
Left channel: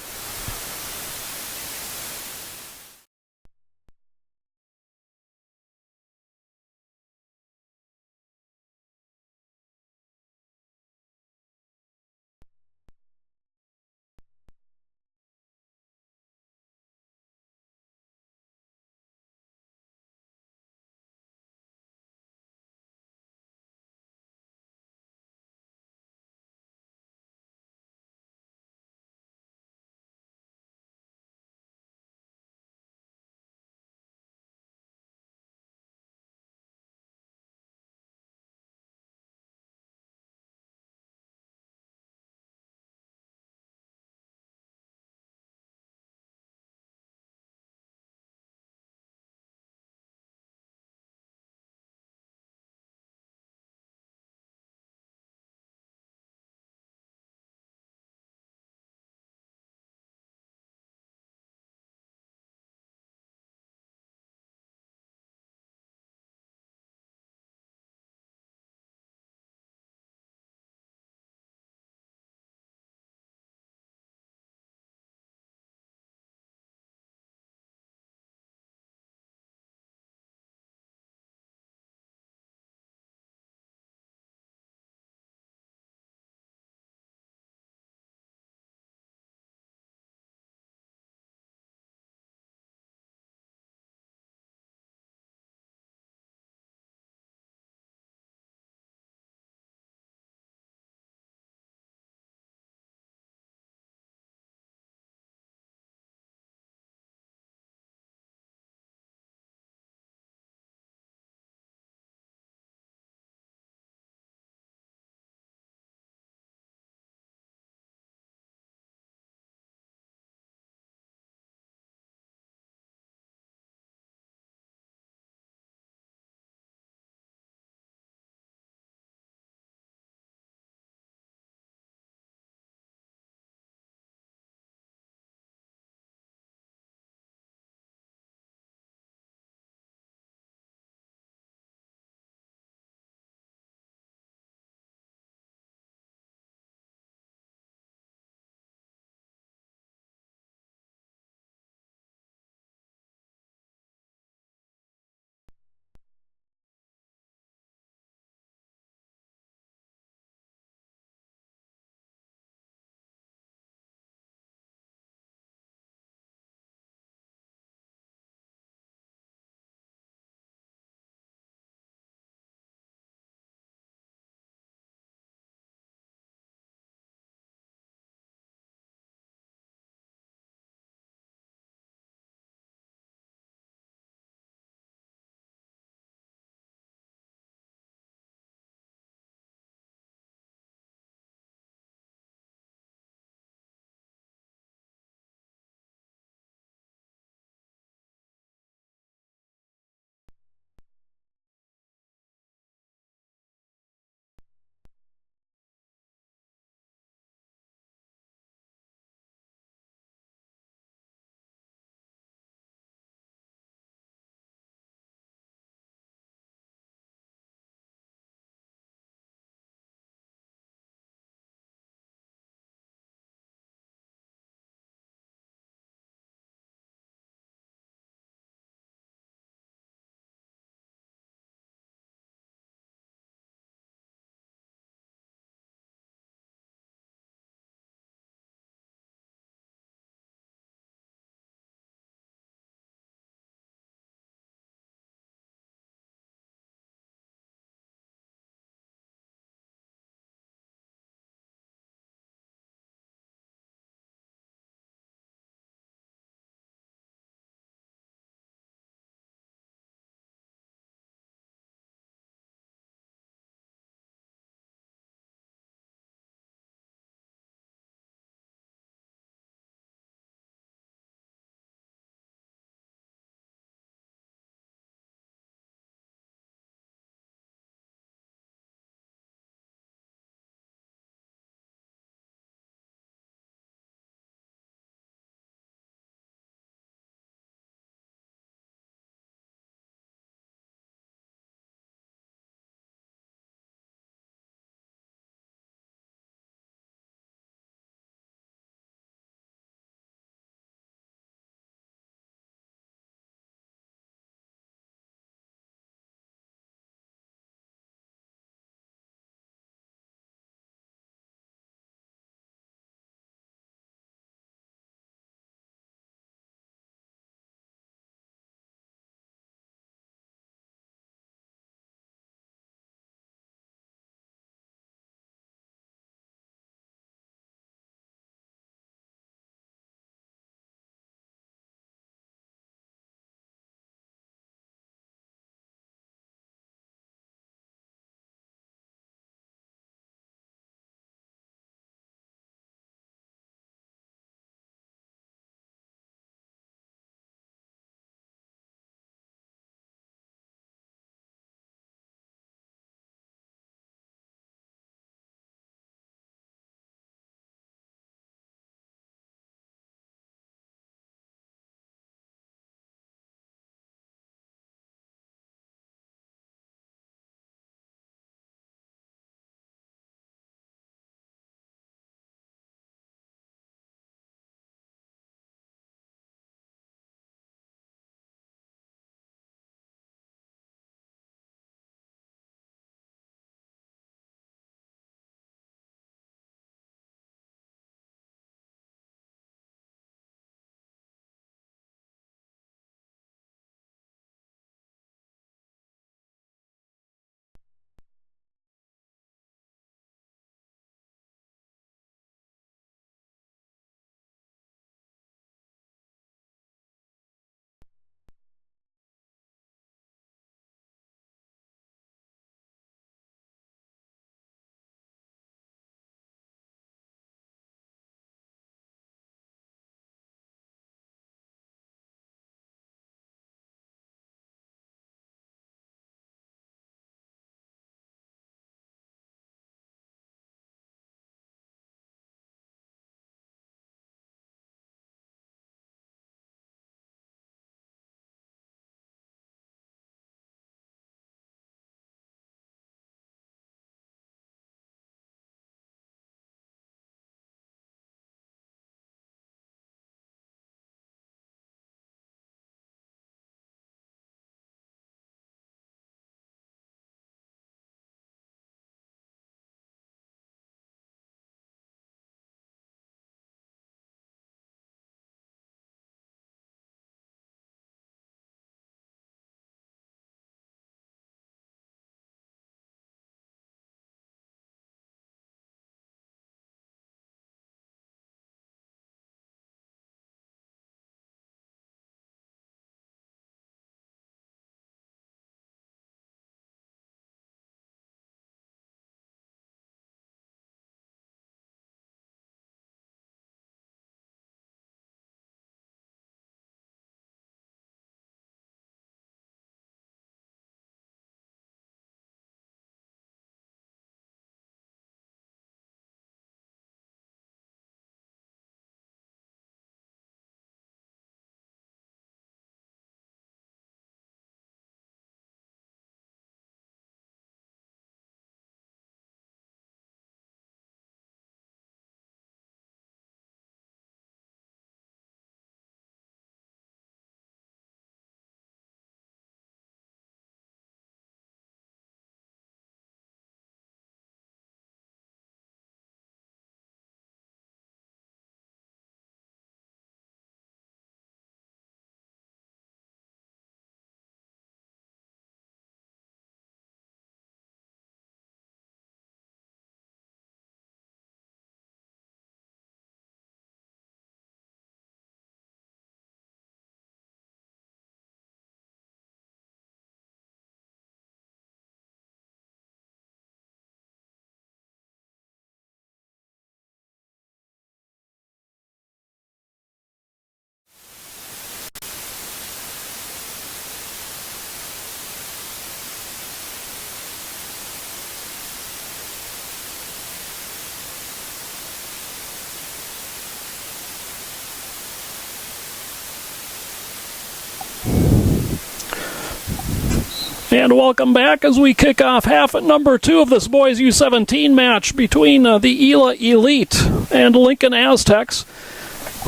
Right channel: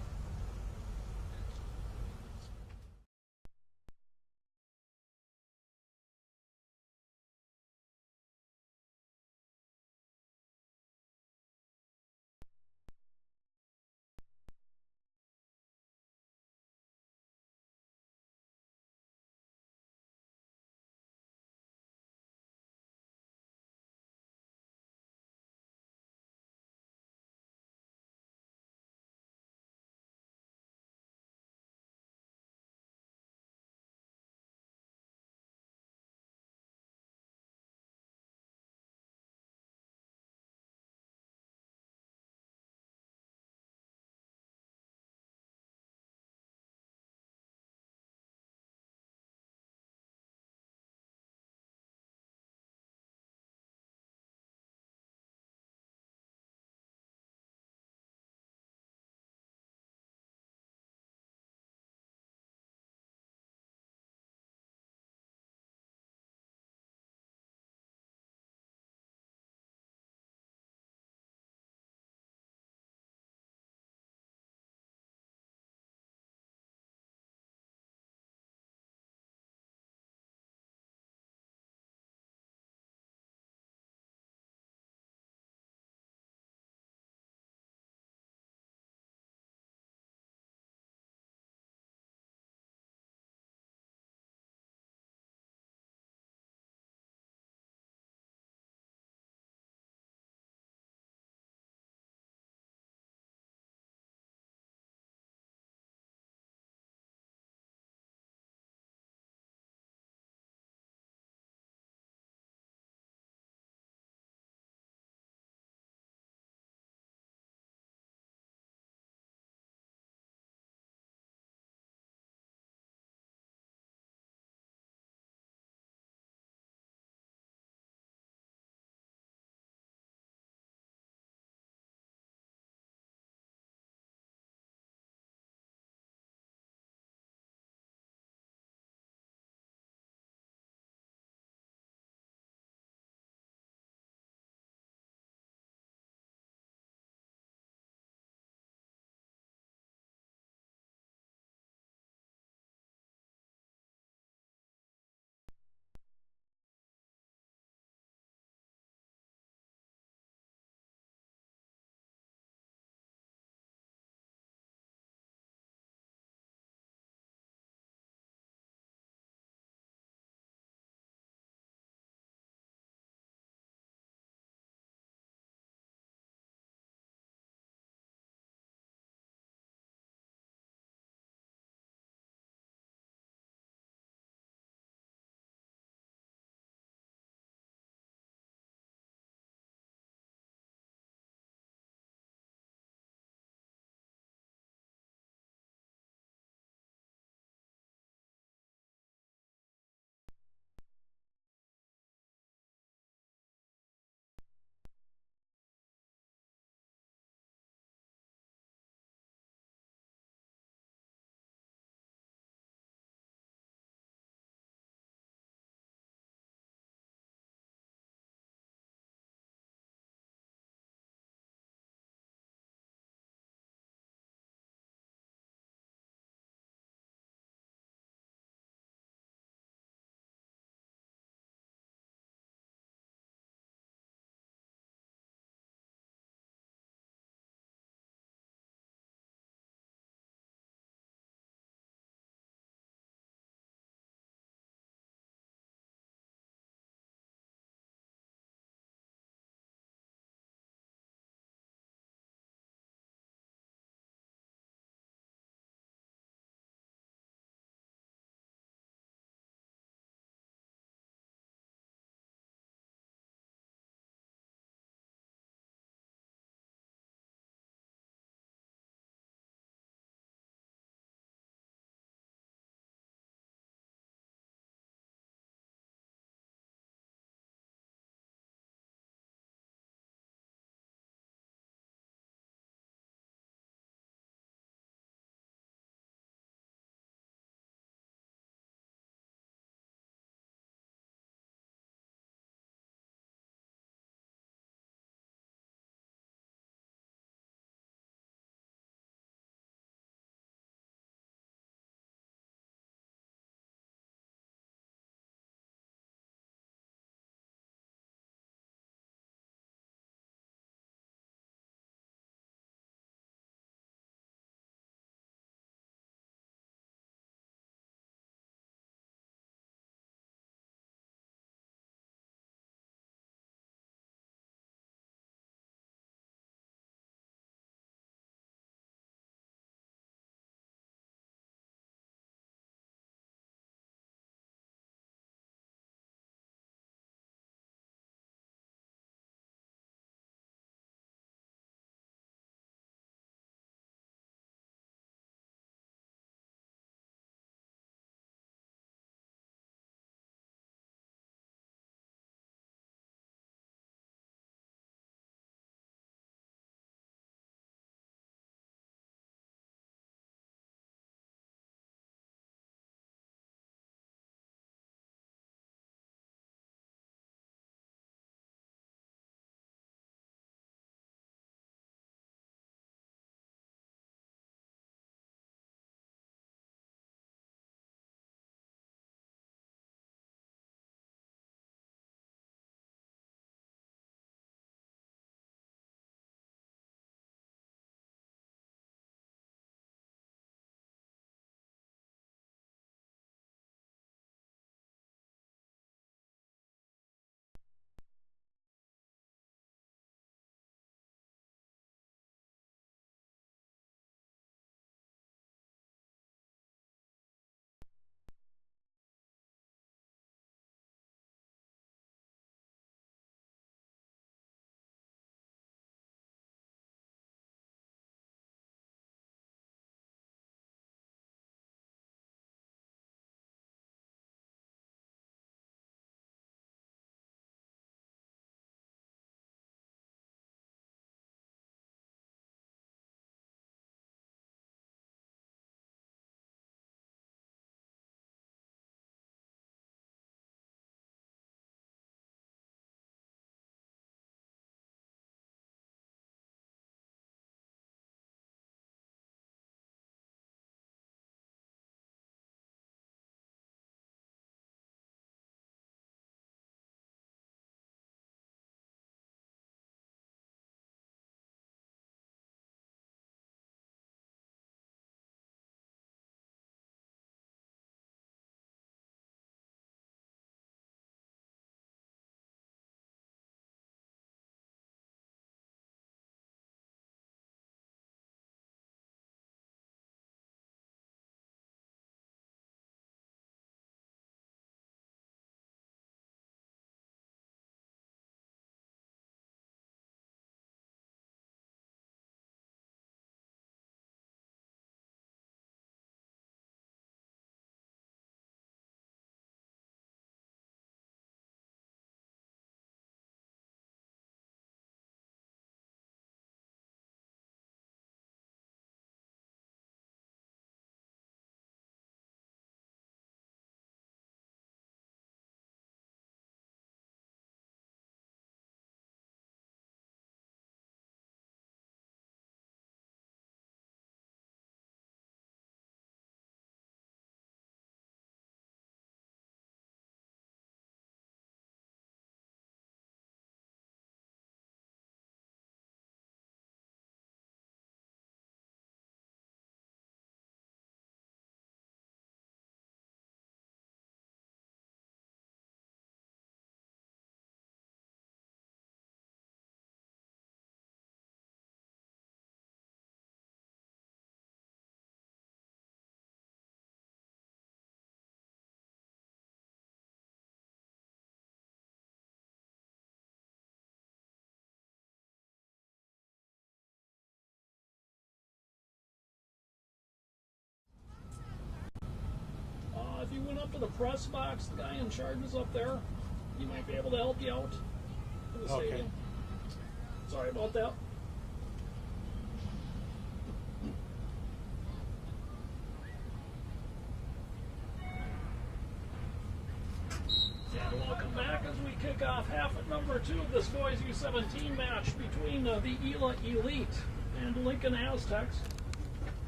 And welcome back as we kick off half at number 2 of this boys U17 match between the ELA Elite and Lincoln Aztecs.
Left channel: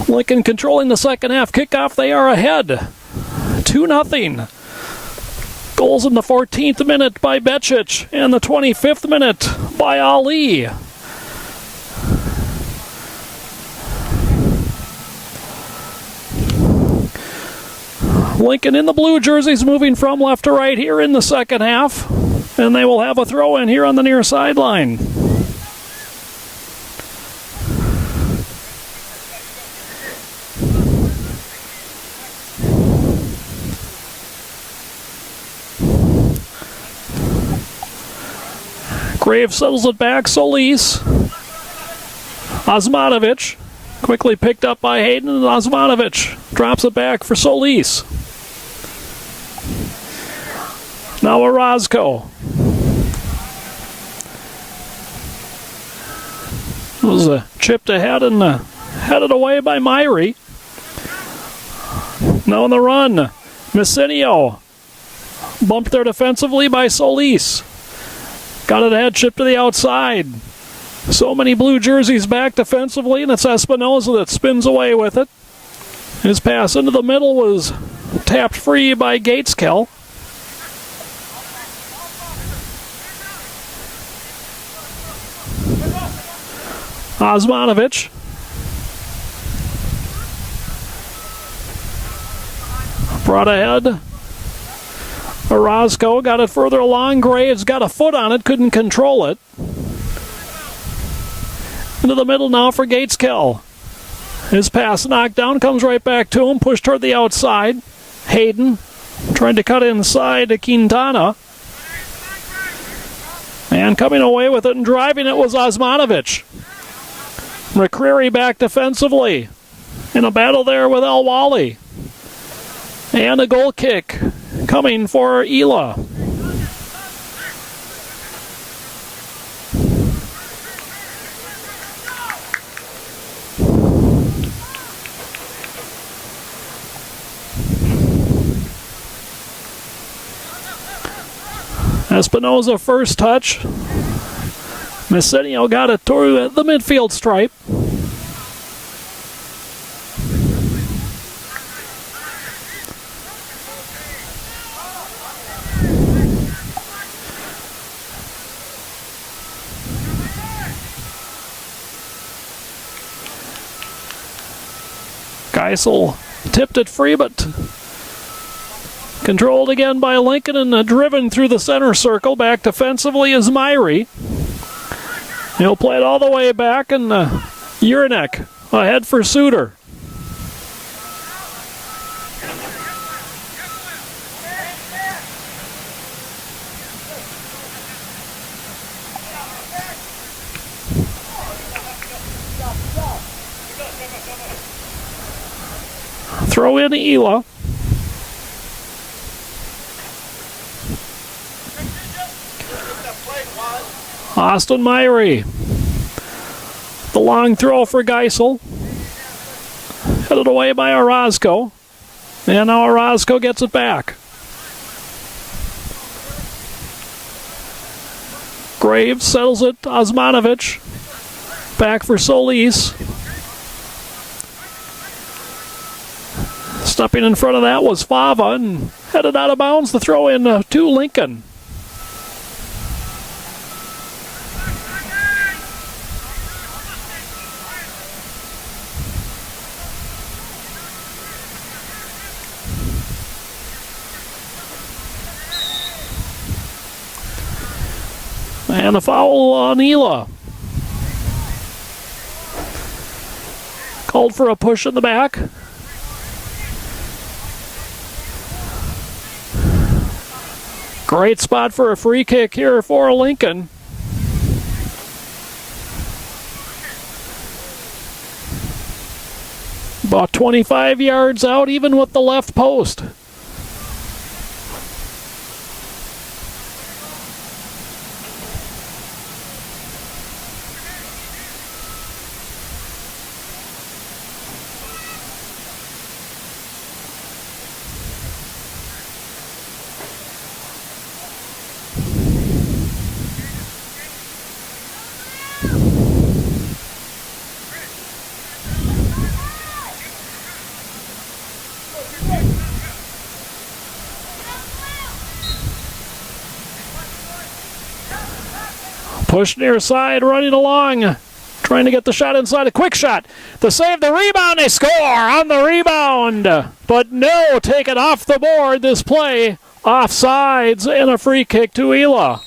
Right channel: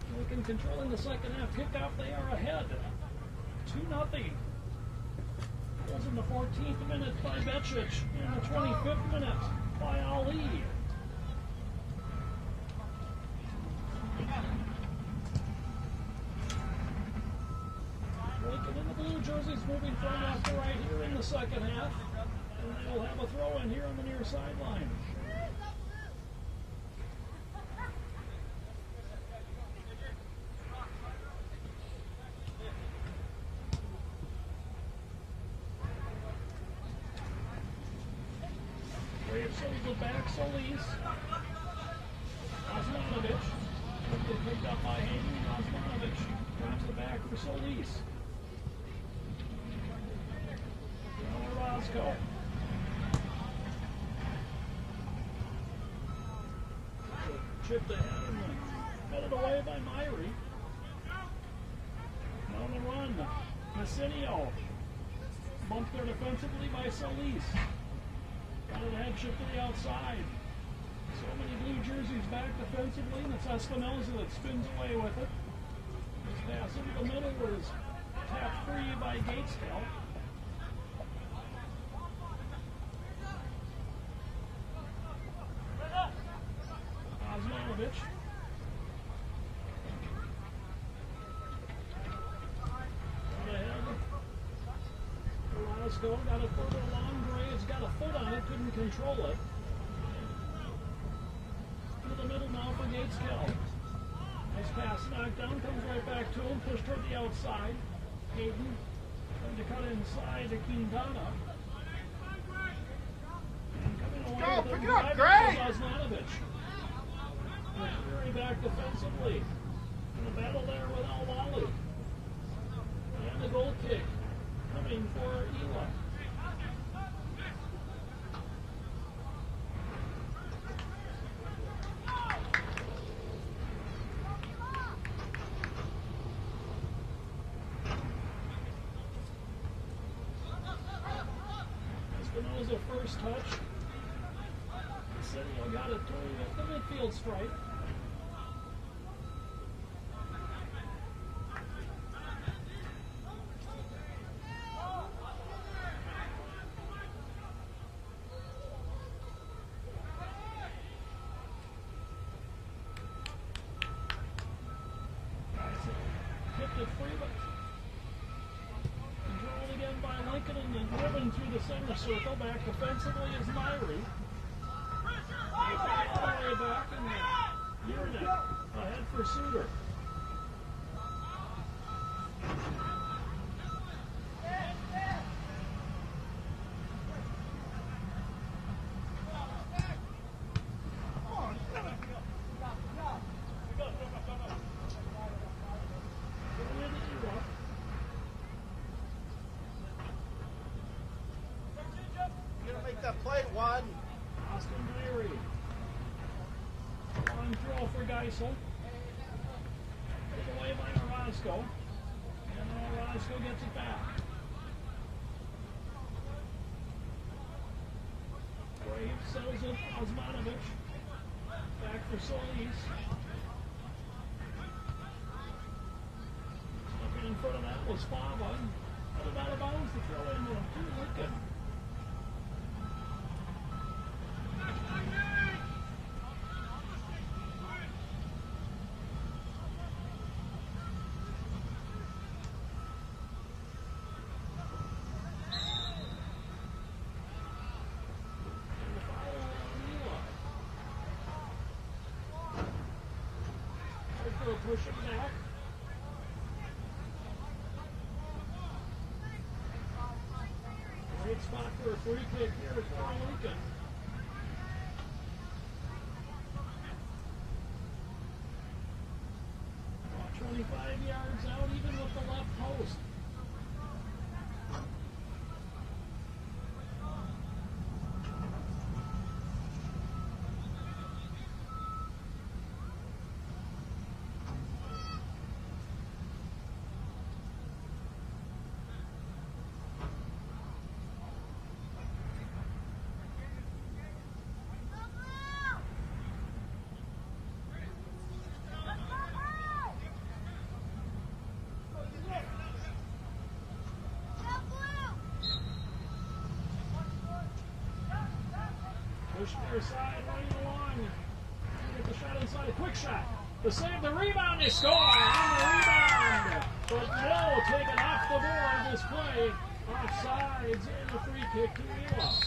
Lincoln controlling the second half kickoff. They are ahead 2-0. Goals in the 14th minute by Becic and the 25th minute by Ali. Lincoln in the blue jerseys moving from left to right here in the second half. And they will have a throw in here on the near sideline. Graves settles it back. Solis. Osmanovic. Quickly picked up by Hayden, and Osmanovic drops it back for Solis. Now Orozco. It was chipped ahead and headed away by Myrie. Now on the run, Messinio. Bumped there defensively by Solis. Got it ahead, chipped to the outside. So many blue jerseys back defensively, and it's Espinoza that spins away with it. His pass into the middle was tapped free by Gateskill. Osmanovic. Brought ahead. Orozco got it further along. Graves got a foot on it, couldn't control it. Into the middle now for Gateskill. His pass knocked down, comes right back to him, pushed toward the outside. Hayden trying to cut inside to Quintana. And coming away with it and driving it was Osmanovic. McCreary back defensively in a battle there with El Wally. And a goal kick coming for ELA. Espinoza first touch. Messinio got it to the midfield stripe. Geisel tipped it free, but controlled again by Lincoln and driven through the center circle. Back defensively is Myrie. He'll play it all the way back, and Urinek ahead for Suter. Throw in ELA. Austin Myrie. The long throw for Geisel. Headed away by Orozco. And now Orozco gets it back. Graves settles it. Osmanovic. Back for Solis. Stepping in front of that was Fava and headed out of bounds. The throw in to Lincoln. And a foul on ELA. Called for a push in the back. Great spot for a free kick here for Lincoln. About 25 yards out, even with the left post. Push near side, running along. Trying to get the shot inside. A quick shot. The save, the rebound. They score on the rebound. But no, taken off the board this play. Offsides and a free kick to ELA.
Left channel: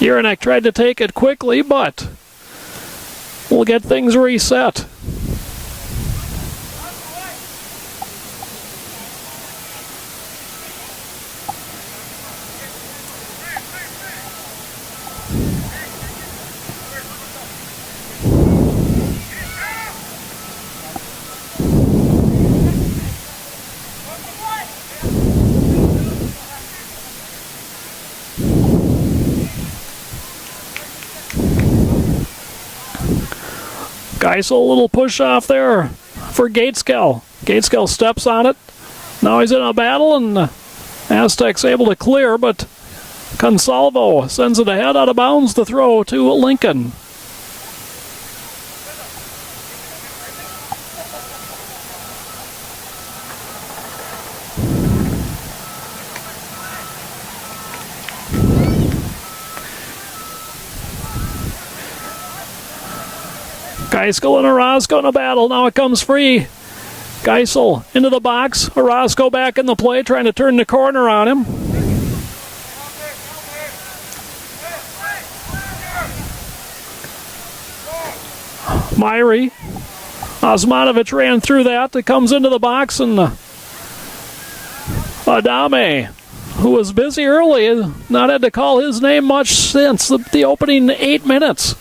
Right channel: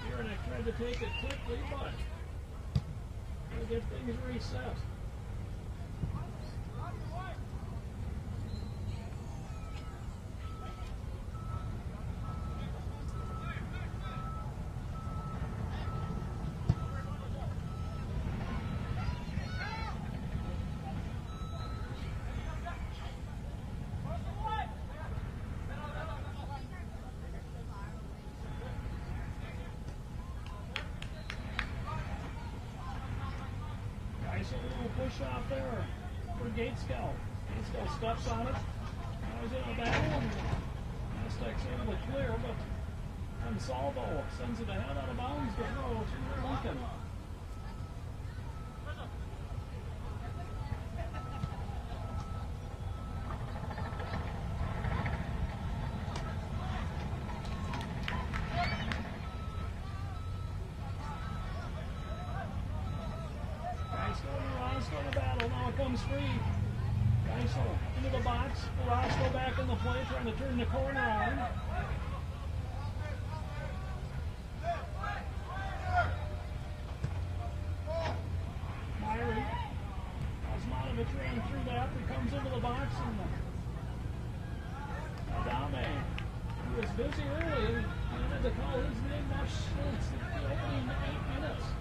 Uranek tried to take it quickly, but we'll get things reset. Geisel, a little push off there for Gateskill. Gateskill steps on it. Now he's in a battle, and Aztecs able to clear, but Consalvo sends it ahead out of bounds to throw to Lincoln. Geisel and Orozco in a battle. Now it comes free. Geisel into the box. Orozco back in the play, trying to turn the corner on him. Myrie. Osmanovic ran through that. It comes into the box, and Adame, who was busy early, has not had to call his name much since the opening 8 minutes.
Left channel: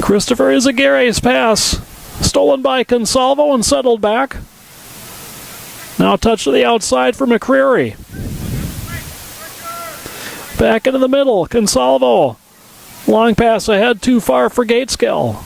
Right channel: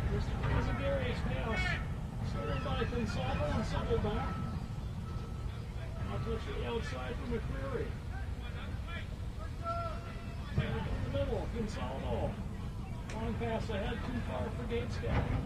Christopher Izaguirre's pass stolen by Consalvo and settled back. Now touch to the outside for McCreary. Back into the middle, Consalvo. Long pass ahead, too far for Gateskill.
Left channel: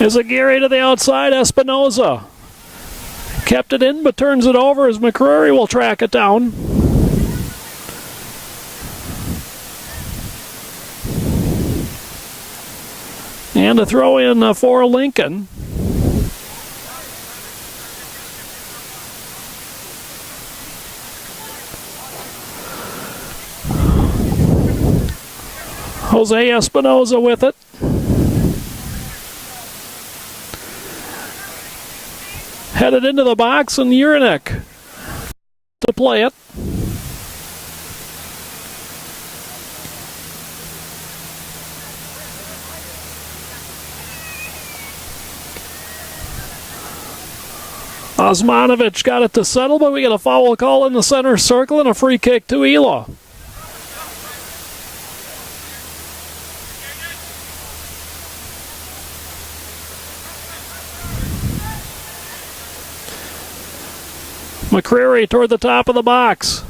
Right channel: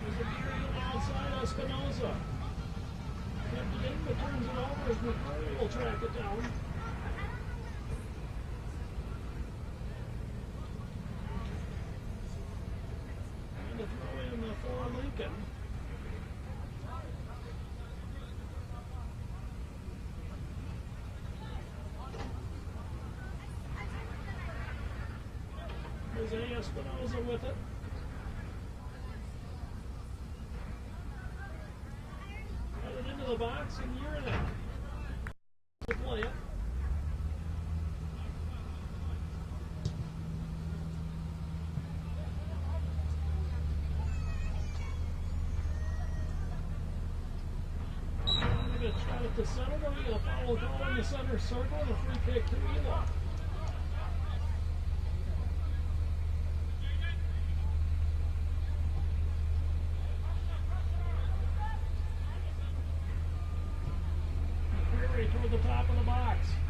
Izaguirre to the outside, Espinoza. Kept it in, but turns it over as McCreary will track it down. And a throw in for Lincoln. Jose Espinoza with it. Headed into the box, and Uranek to play it. Osmanovic got it to settle, but we get a foul call in the center circle and a free kick to ELA. McCreary toward the top of the box.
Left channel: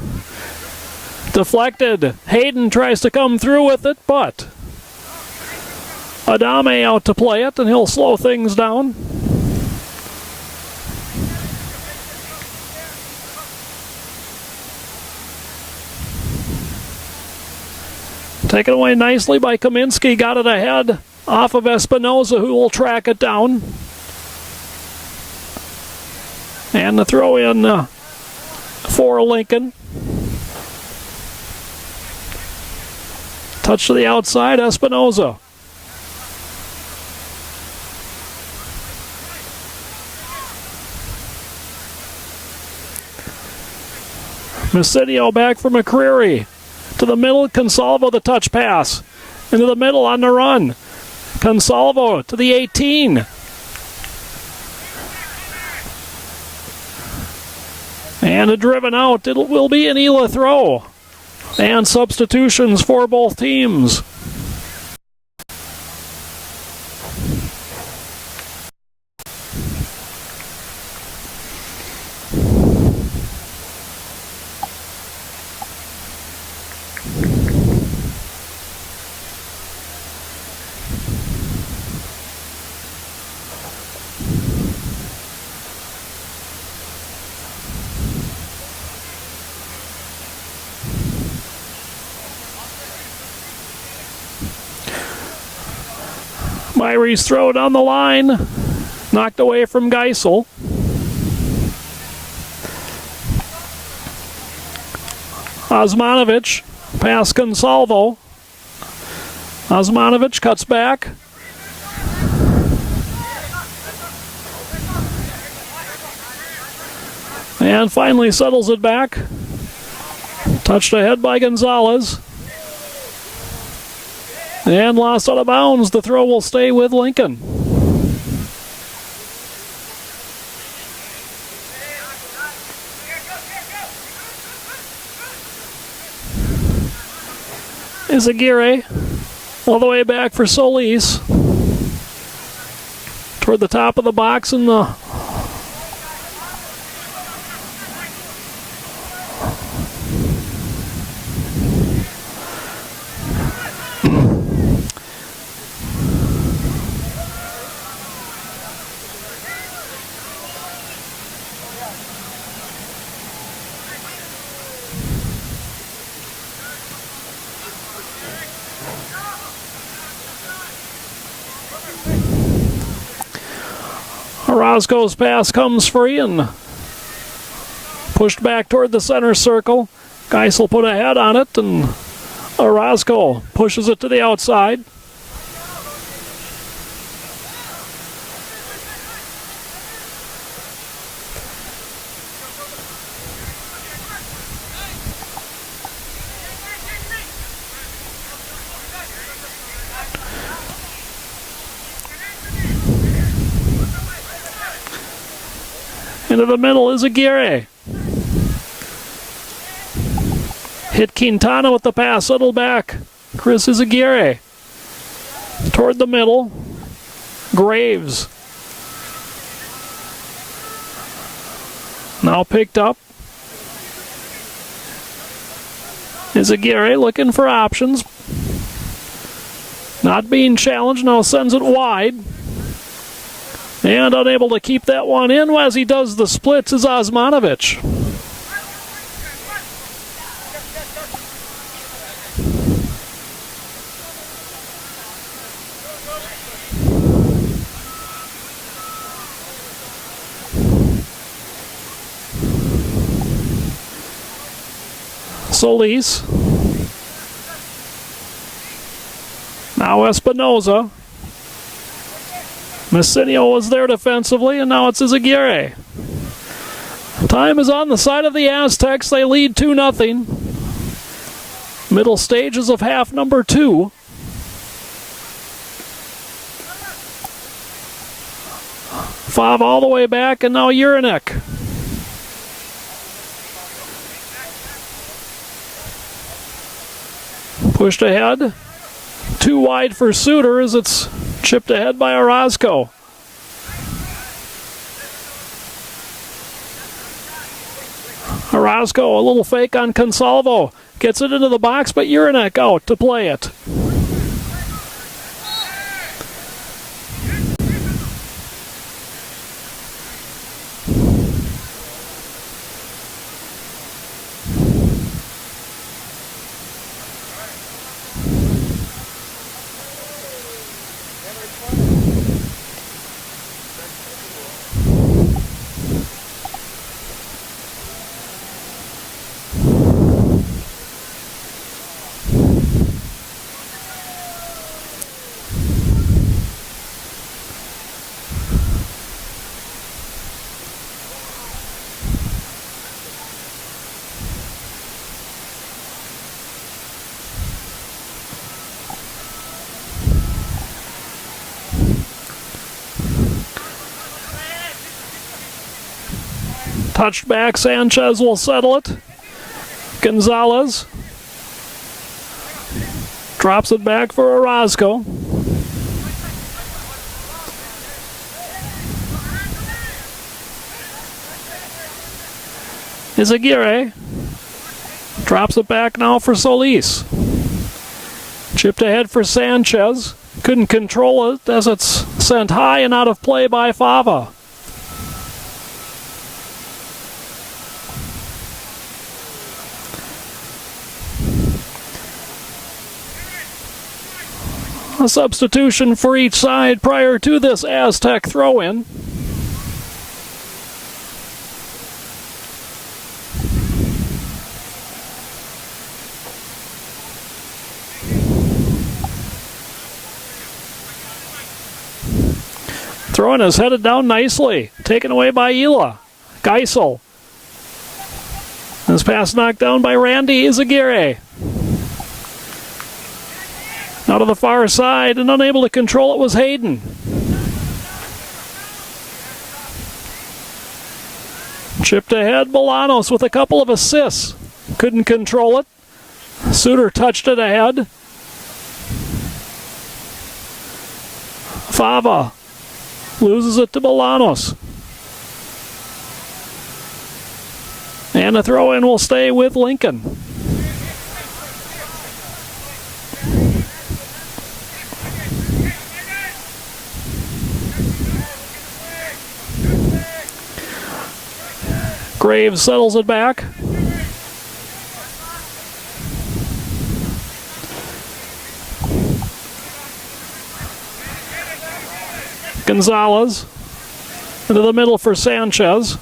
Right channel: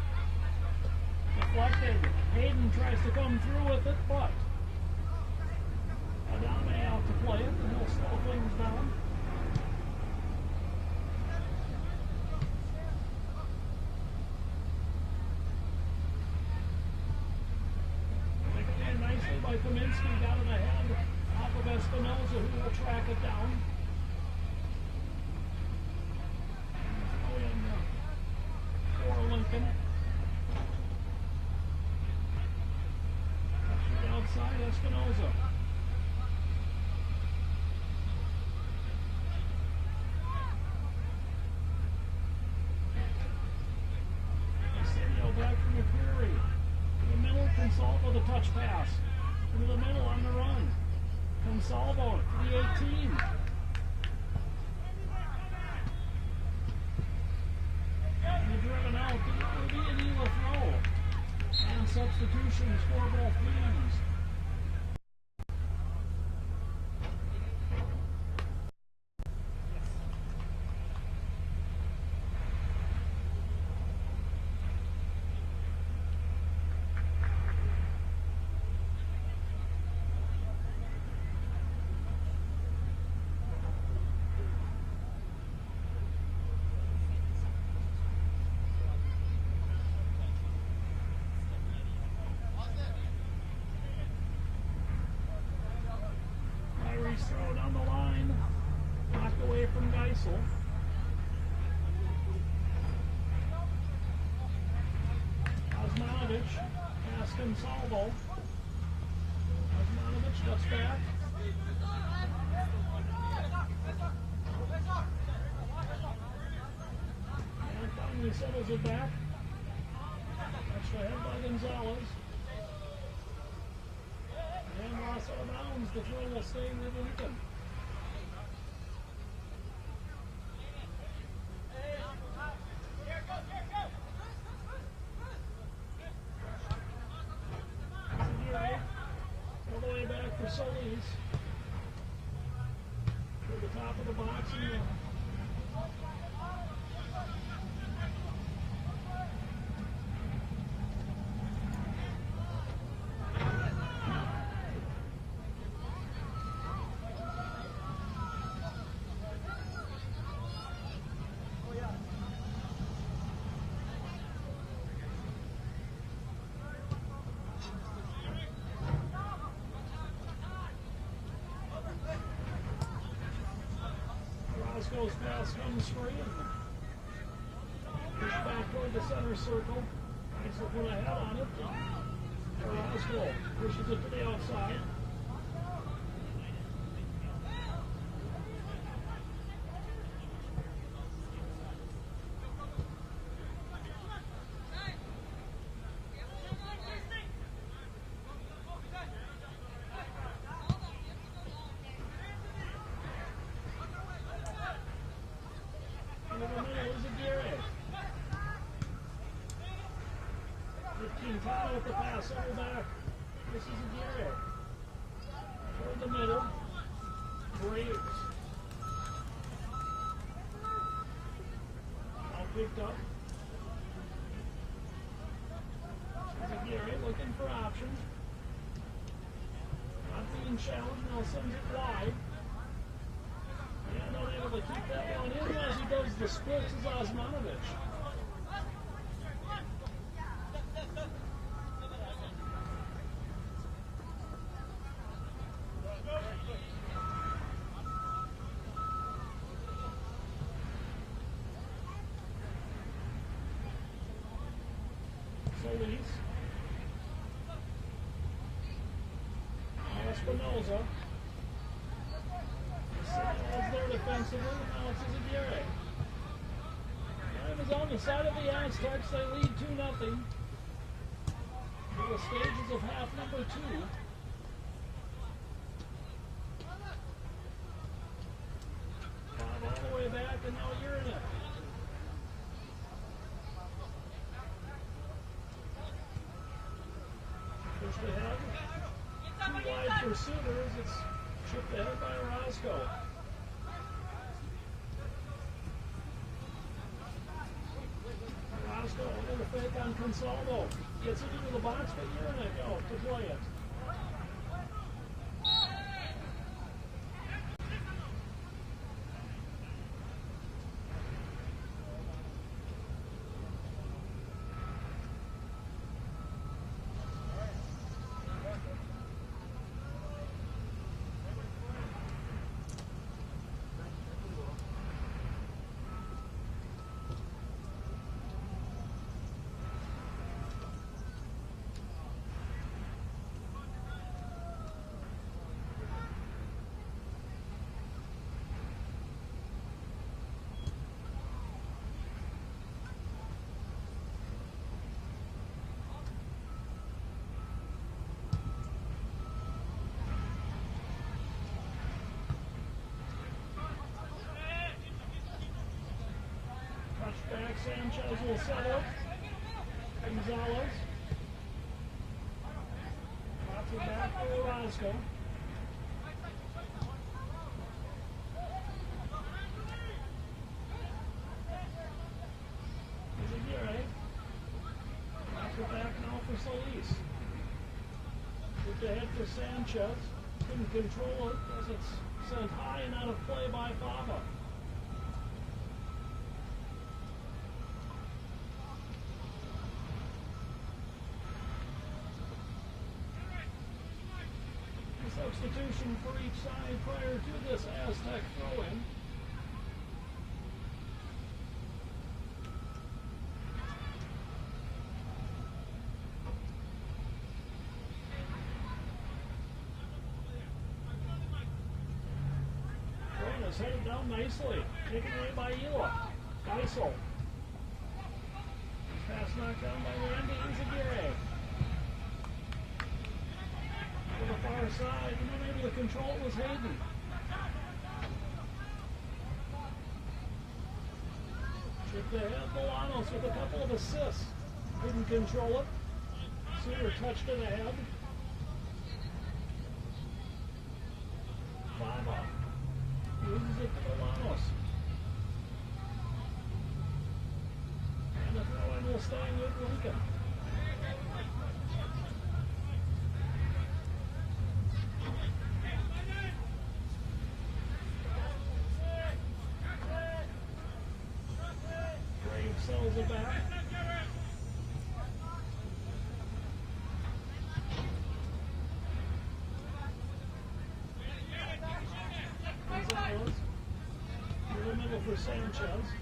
Deflected. Hayden tries to come through with it, but Adame out to play it, and he'll slow things down. Taken away nicely by Kaminsky. Got it ahead off of Espinoza, who will track it down. And the throw in for Lincoln. Touch to the outside, Espinoza. Masidio back for McCreary. To the middle, Consalvo the touch pass. Into the middle on the run. Consalvo to the 18. And a driven out. It will be an ELA throw. And substitutions for both teams. Myrie's throw down the line. Knocked away from Geisel. Osmanovic past Consalvo. Osmanovic cuts back. And finally settles it back. Touched ahead by Gonzalez. And lost out of bounds. The throw will stay with Lincoln. Izaguirre all the way back for Solis. Toward the top of the box in the Orozco's pass comes free and pushed back toward the center circle. Geisel put a head on it, and Orozco pushes it to the outside. Into the middle is Aguirre. Hit Quintana with the pass, settled back. Chris Izaguirre. Toward the middle. Graves. Now picked up. Izaguirre looking for options. Not being challenged, now sends it wide. And unable to keep that one in as he does the splits is Osmanovic. Solis. Now Espinoza. Messinio was there defensively, and now it's Izaguirre. Time is on the side of the Aztecs. They lead 2-0. Middle stages of half number 2. Fav all the way back, and now Urinek. Pushed ahead. Too wide for Suter as it's chipped ahead by Orozco. Orozco, a little fake on Consalvo. Gets it into the box, but Urinek out to play it. Touched back, Sanchez will settle it. Gonzalez drops it back for Orozco. Izaguirre drops it back now for Solis. Chipped ahead for Sanchez. Couldn't control it as it's sent high and out of play by Fava. A substitution for each side prior to this Aztec throw-in. Throw-in is headed down nicely. Taken away by ELA. Geisel. This pass knocked down by Randy Izaguirre. Out of the far side and unable to control it was Hayden. Chipped ahead, Bolanos with a couple of assists. Couldn't control it. Suter touched it ahead. Fava loses it to Bolanos. And the throw-in will stay with Lincoln. Graves settles it back. Gonzalez into the middle for Sanchez.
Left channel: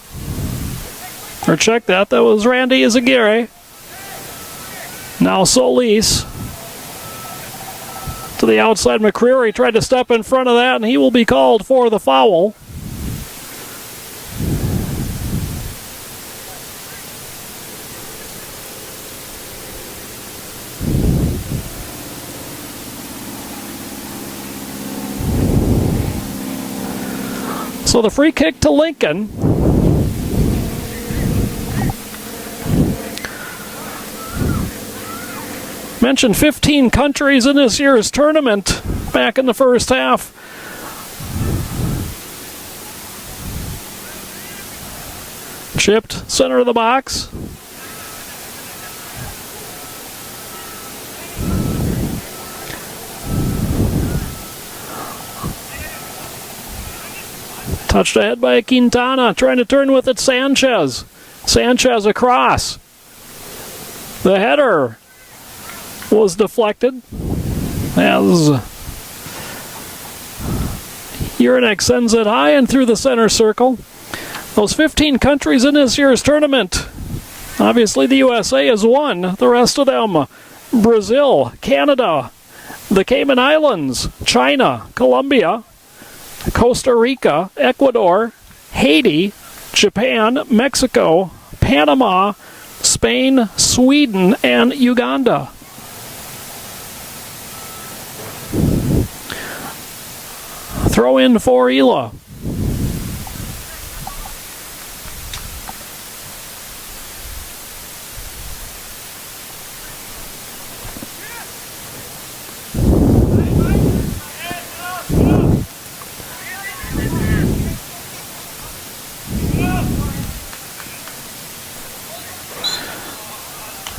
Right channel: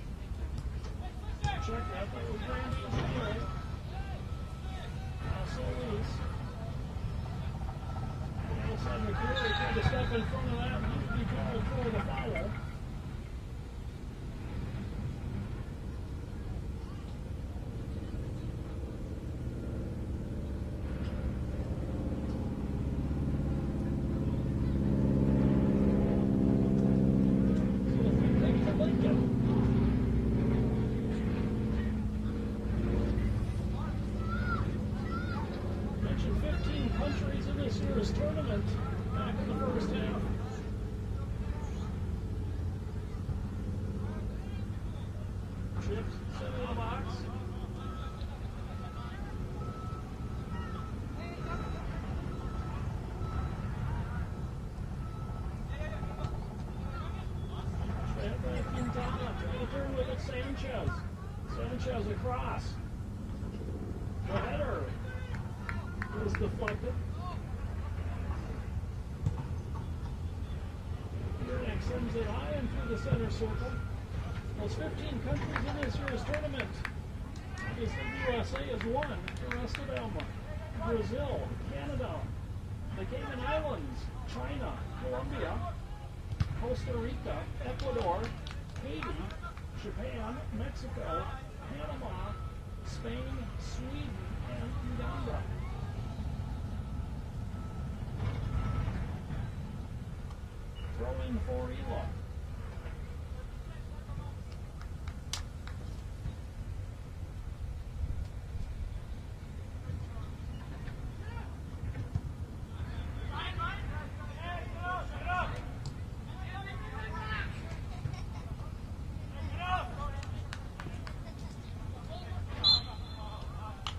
Or check that, that was Randy Izaguirre. Now Solis to the outside. McCreary tried to step in front of that, and he will be called for the foul. So the free kick to Lincoln. Mentioned 15 countries in this year's tournament back in the first half. Chipped center of the box. Touched ahead by Quintana, trying to turn with it Sanchez. Sanchez across. The header was deflected as Urinek sends it high and through the center circle. Those 15 countries in this year's tournament. Obviously the USA has won. The rest of them, Brazil, Canada, the Cayman Islands, China, Colombia, Costa Rica, Ecuador, Haiti, Japan, Mexico, Panama, Spain, Sweden, and Uganda. Throw in for ELA.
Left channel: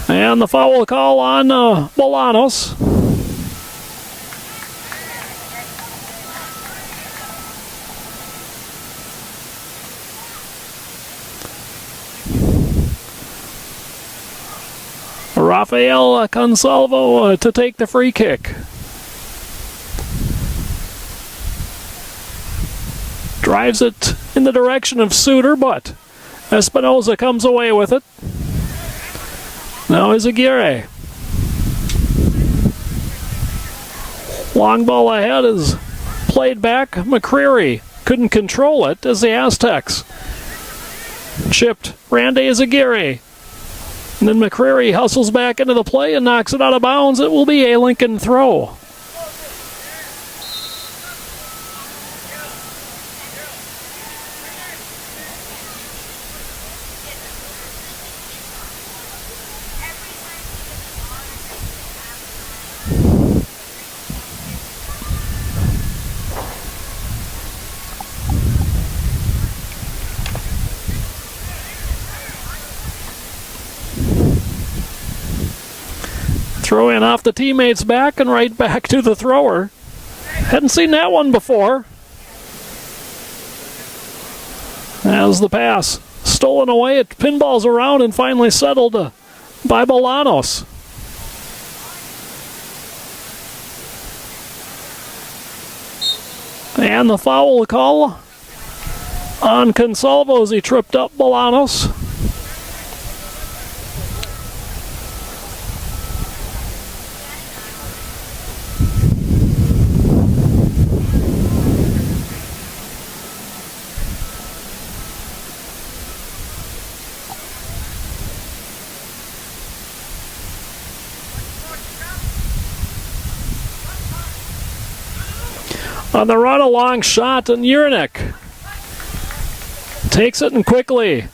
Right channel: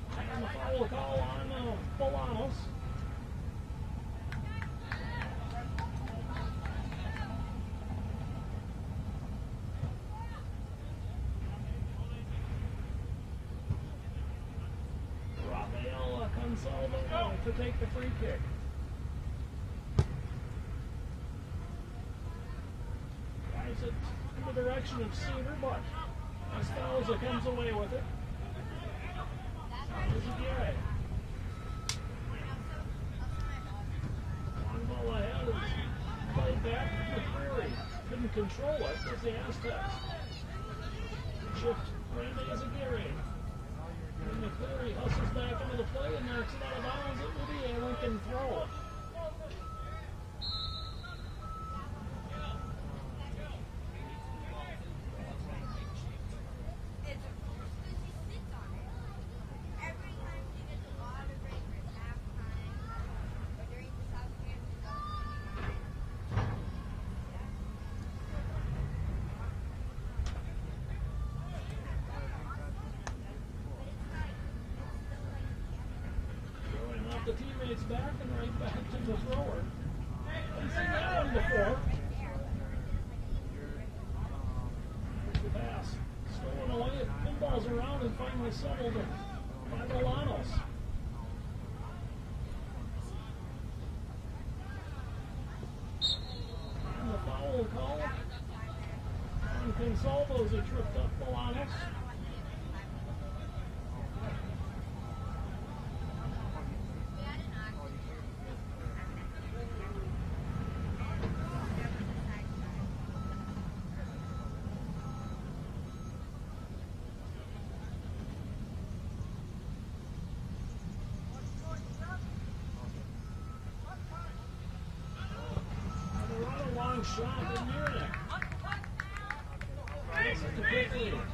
And the foul call on Bolanos. Rafael Consalvo to take the free kick. Drives it in the direction of Suter, but Espinoza comes away with it. Now Izaguirre. Long ball ahead is played back. McCreary couldn't control it as the Aztecs chipped Randy Izaguirre. And then McCreary hustles back into the play and knocks it out of bounds. It will be a Lincoln throw. Throw in off the teammate's back and right back to the thrower. Hadn't seen that one before. As the pass stolen away, it pinballs around and finally settled by Bolanos. And the foul call on Consalvo as he tripped up Bolanos. On the run, a long shot, and Urinek takes it and quickly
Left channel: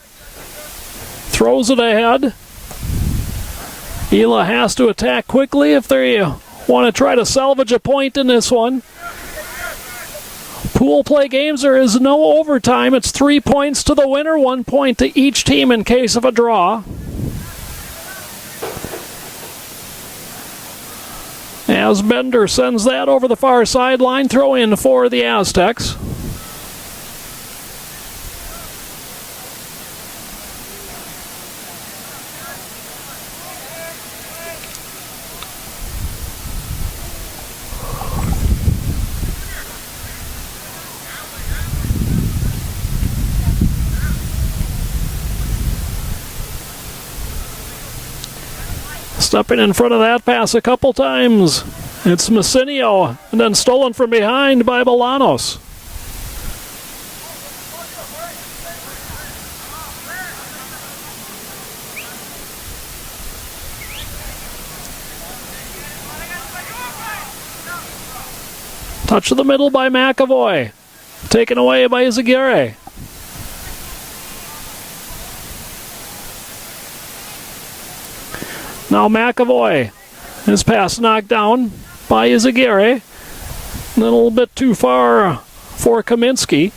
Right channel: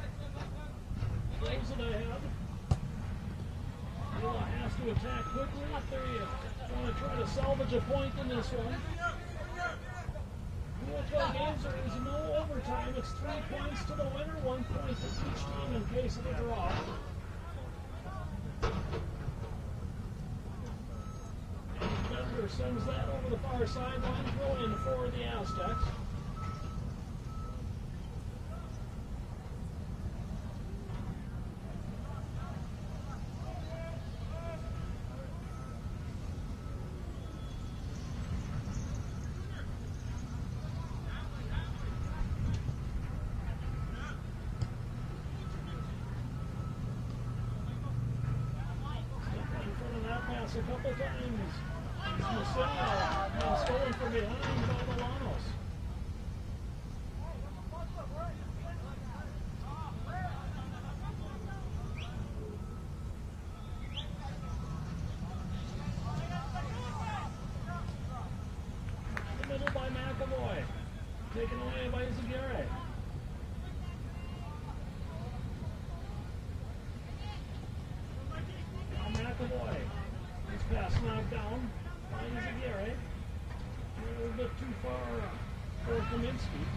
throws it ahead. ELA has to attack quickly if they want to try to salvage a point in this one. Pool play games, there is no overtime. It's 3 points to the winner, 1 point to each team in case of a draw. As Bender sends that over the far sideline, throw in for the Aztecs. Stepping in front of that pass a couple times. It's Messinio, and then stolen from behind by Bolanos. Touch of the middle by McAvoy. Taken away by Izaguirre. Now McAvoy. His pass knocked down by Izaguirre. A little bit too far for Kaminsky.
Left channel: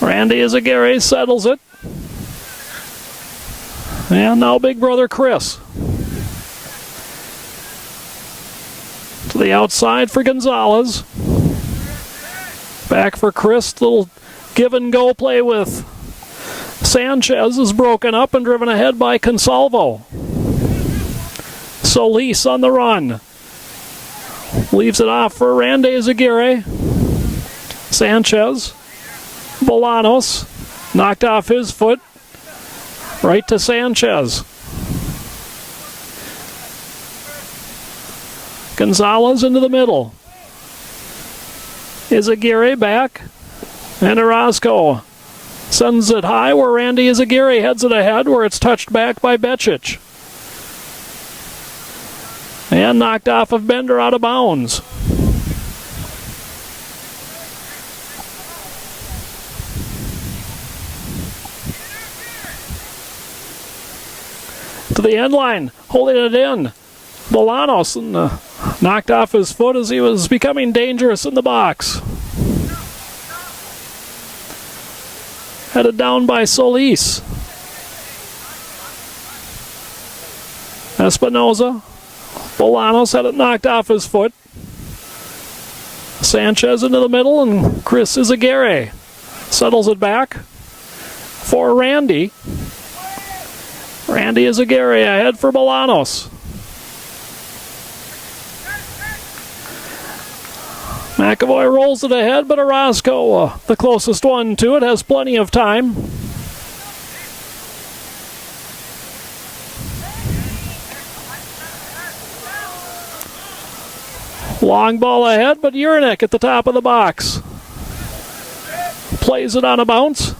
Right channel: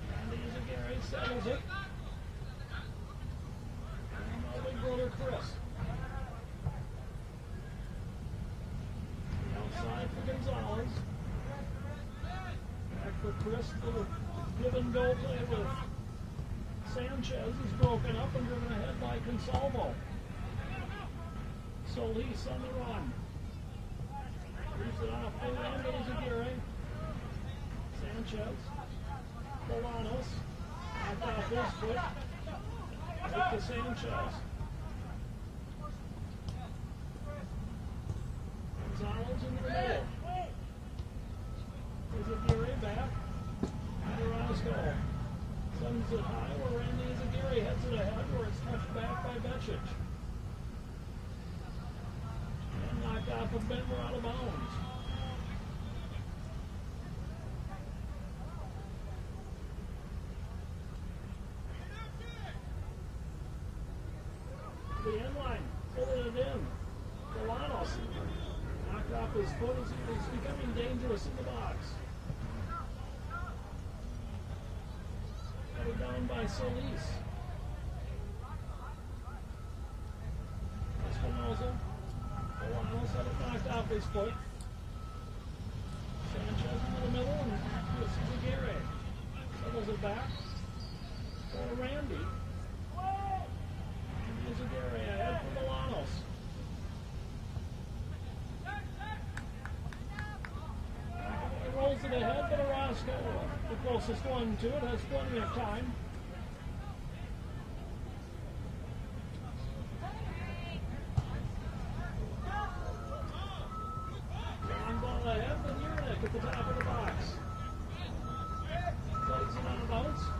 Randy Izaguirre settles it. And now big brother Chris. To the outside for Gonzalez. Back for Chris. Little give and go play with Sanchez is broken up and driven ahead by Consalvo. Solis on the run. Leaves it off for Randy Izaguirre. Sanchez. Bolanos. Knocked off his foot. Right to Sanchez. Gonzalez into the middle. Izaguirre back. And Orozco sends it high where Randy Izaguirre heads it ahead where it's touched back by Becic. And knocked off of Bender out of bounds. To the end line, holding it in. Bolanos knocked off his foot as he was becoming dangerous in the box. Headed down by Solis. Espinoza. Bolanos had it knocked off his foot. Sanchez into the middle and Chris Izaguirre settles it back for Randy. Randy Izaguirre ahead for Bolanos. McAvoy rolls it ahead, but Orozco, the closest one to it, has plenty of time. Long ball ahead, but Urinek at the top of the box. Plays it on a bounce.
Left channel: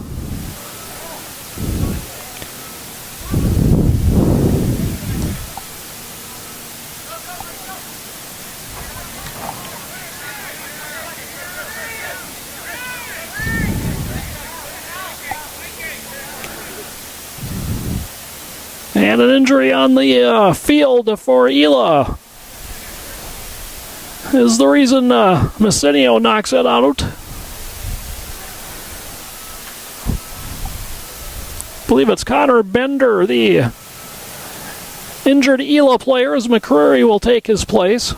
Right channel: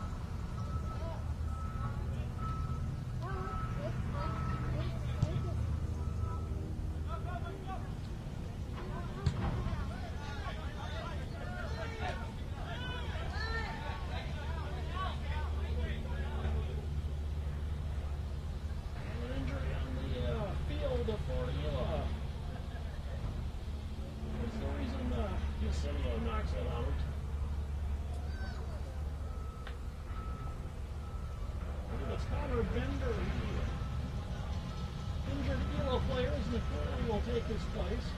And an injury on the field for ELA is the reason Messinio knocks it out. I believe it's Connor Bender, the injured ELA player, as McCreary will take his place.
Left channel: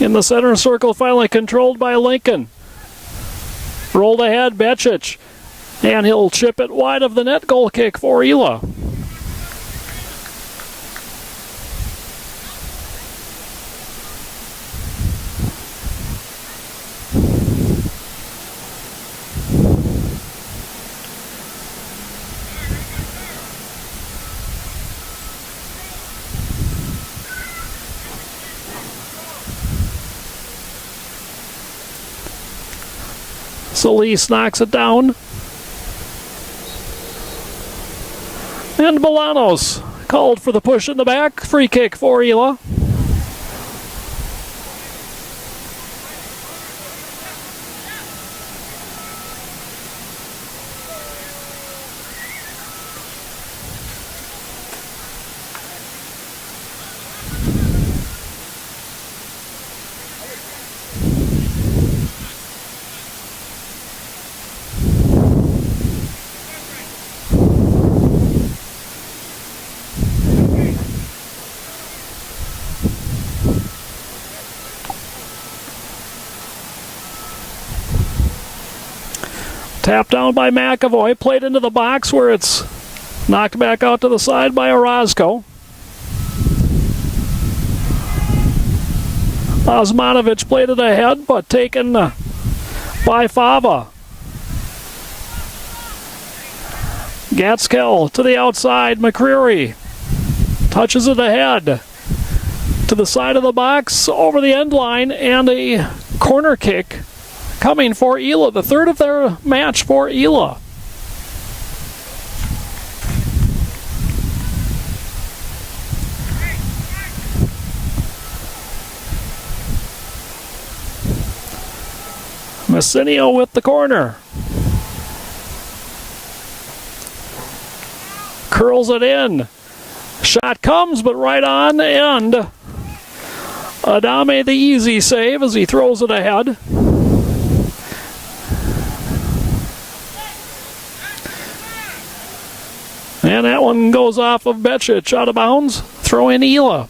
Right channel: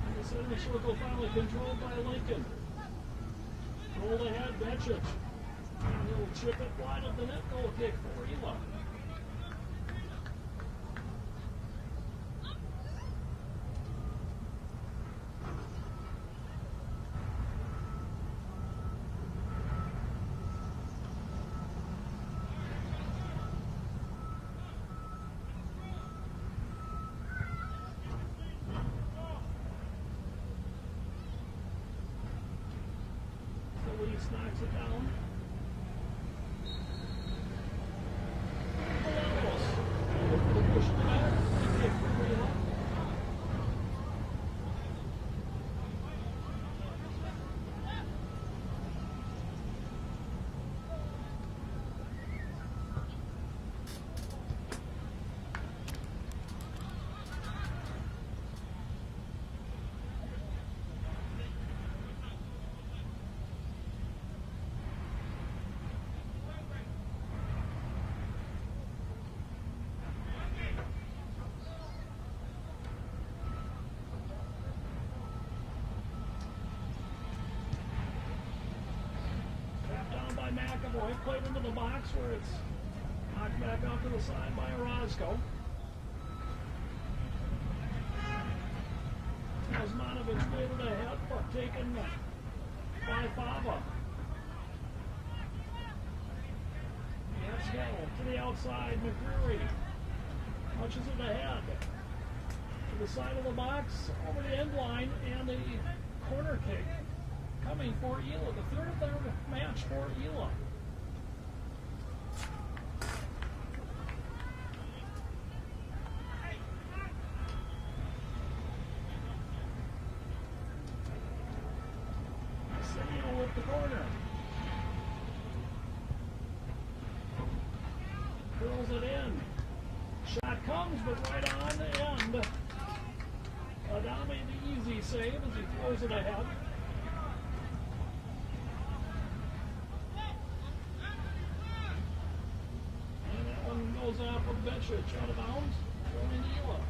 in the center circle, finally controlled by Lincoln. Rolled ahead, Becic, and he'll chip it wide of the net. Goal kick for ELA. Solis knocks it down. And Bolanos called for the push in the back. Free kick for ELA. Tapped down by McAvoy, played into the box where it's knocked back out to the side by Orozco. Osmanovic played it ahead, but taken by Fava. Gatskel to the outside, McCreary touches it ahead to the side of the box, over the end line, and a corner kick coming for ELA, the third of their match for ELA. Messinio with the corner. Curls it in. Shot comes, but right on end. Adame the easy save as he throws it ahead. And that one goes off of Becic, out of bounds. Throw in ELA.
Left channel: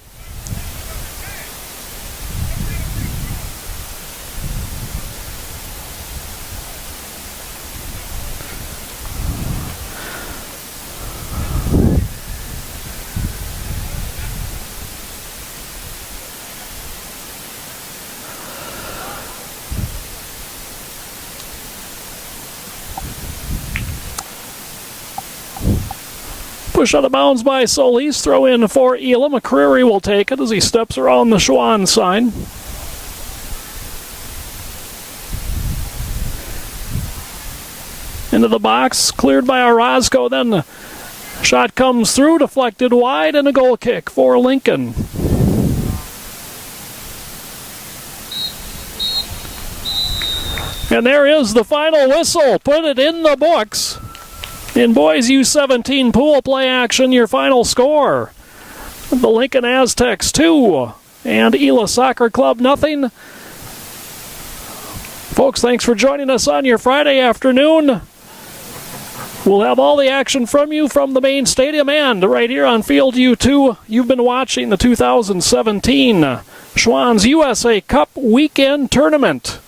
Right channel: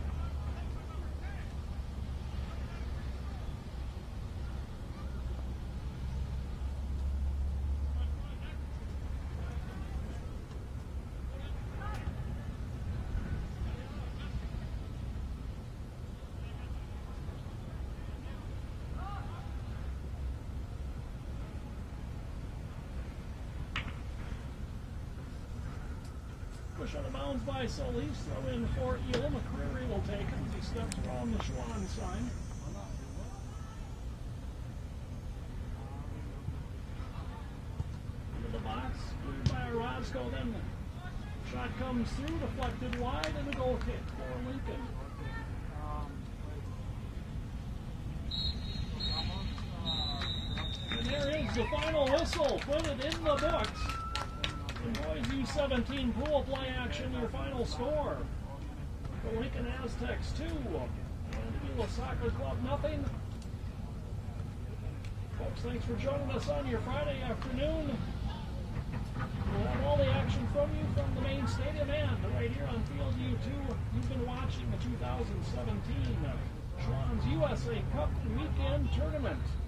Push out of bounds by Solis. Throw in for ELA. McCreary will take it as he steps around the Schwann sign. Into the box. Cleared by Orozco. Then the shot comes through. Deflected wide. And a goal kick for Lincoln. And there is the final whistle. Put it in the books. In boys U17 pool play action, your final score: the Lincoln Aztecs 2 and ELA Soccer Club nothing. Folks, thanks for joining us on your Friday afternoon. We'll have all the action from you from the main stadium and right here on Field U2. You've been watching the 2017 Schwann's USA Cup Weekend Tournament.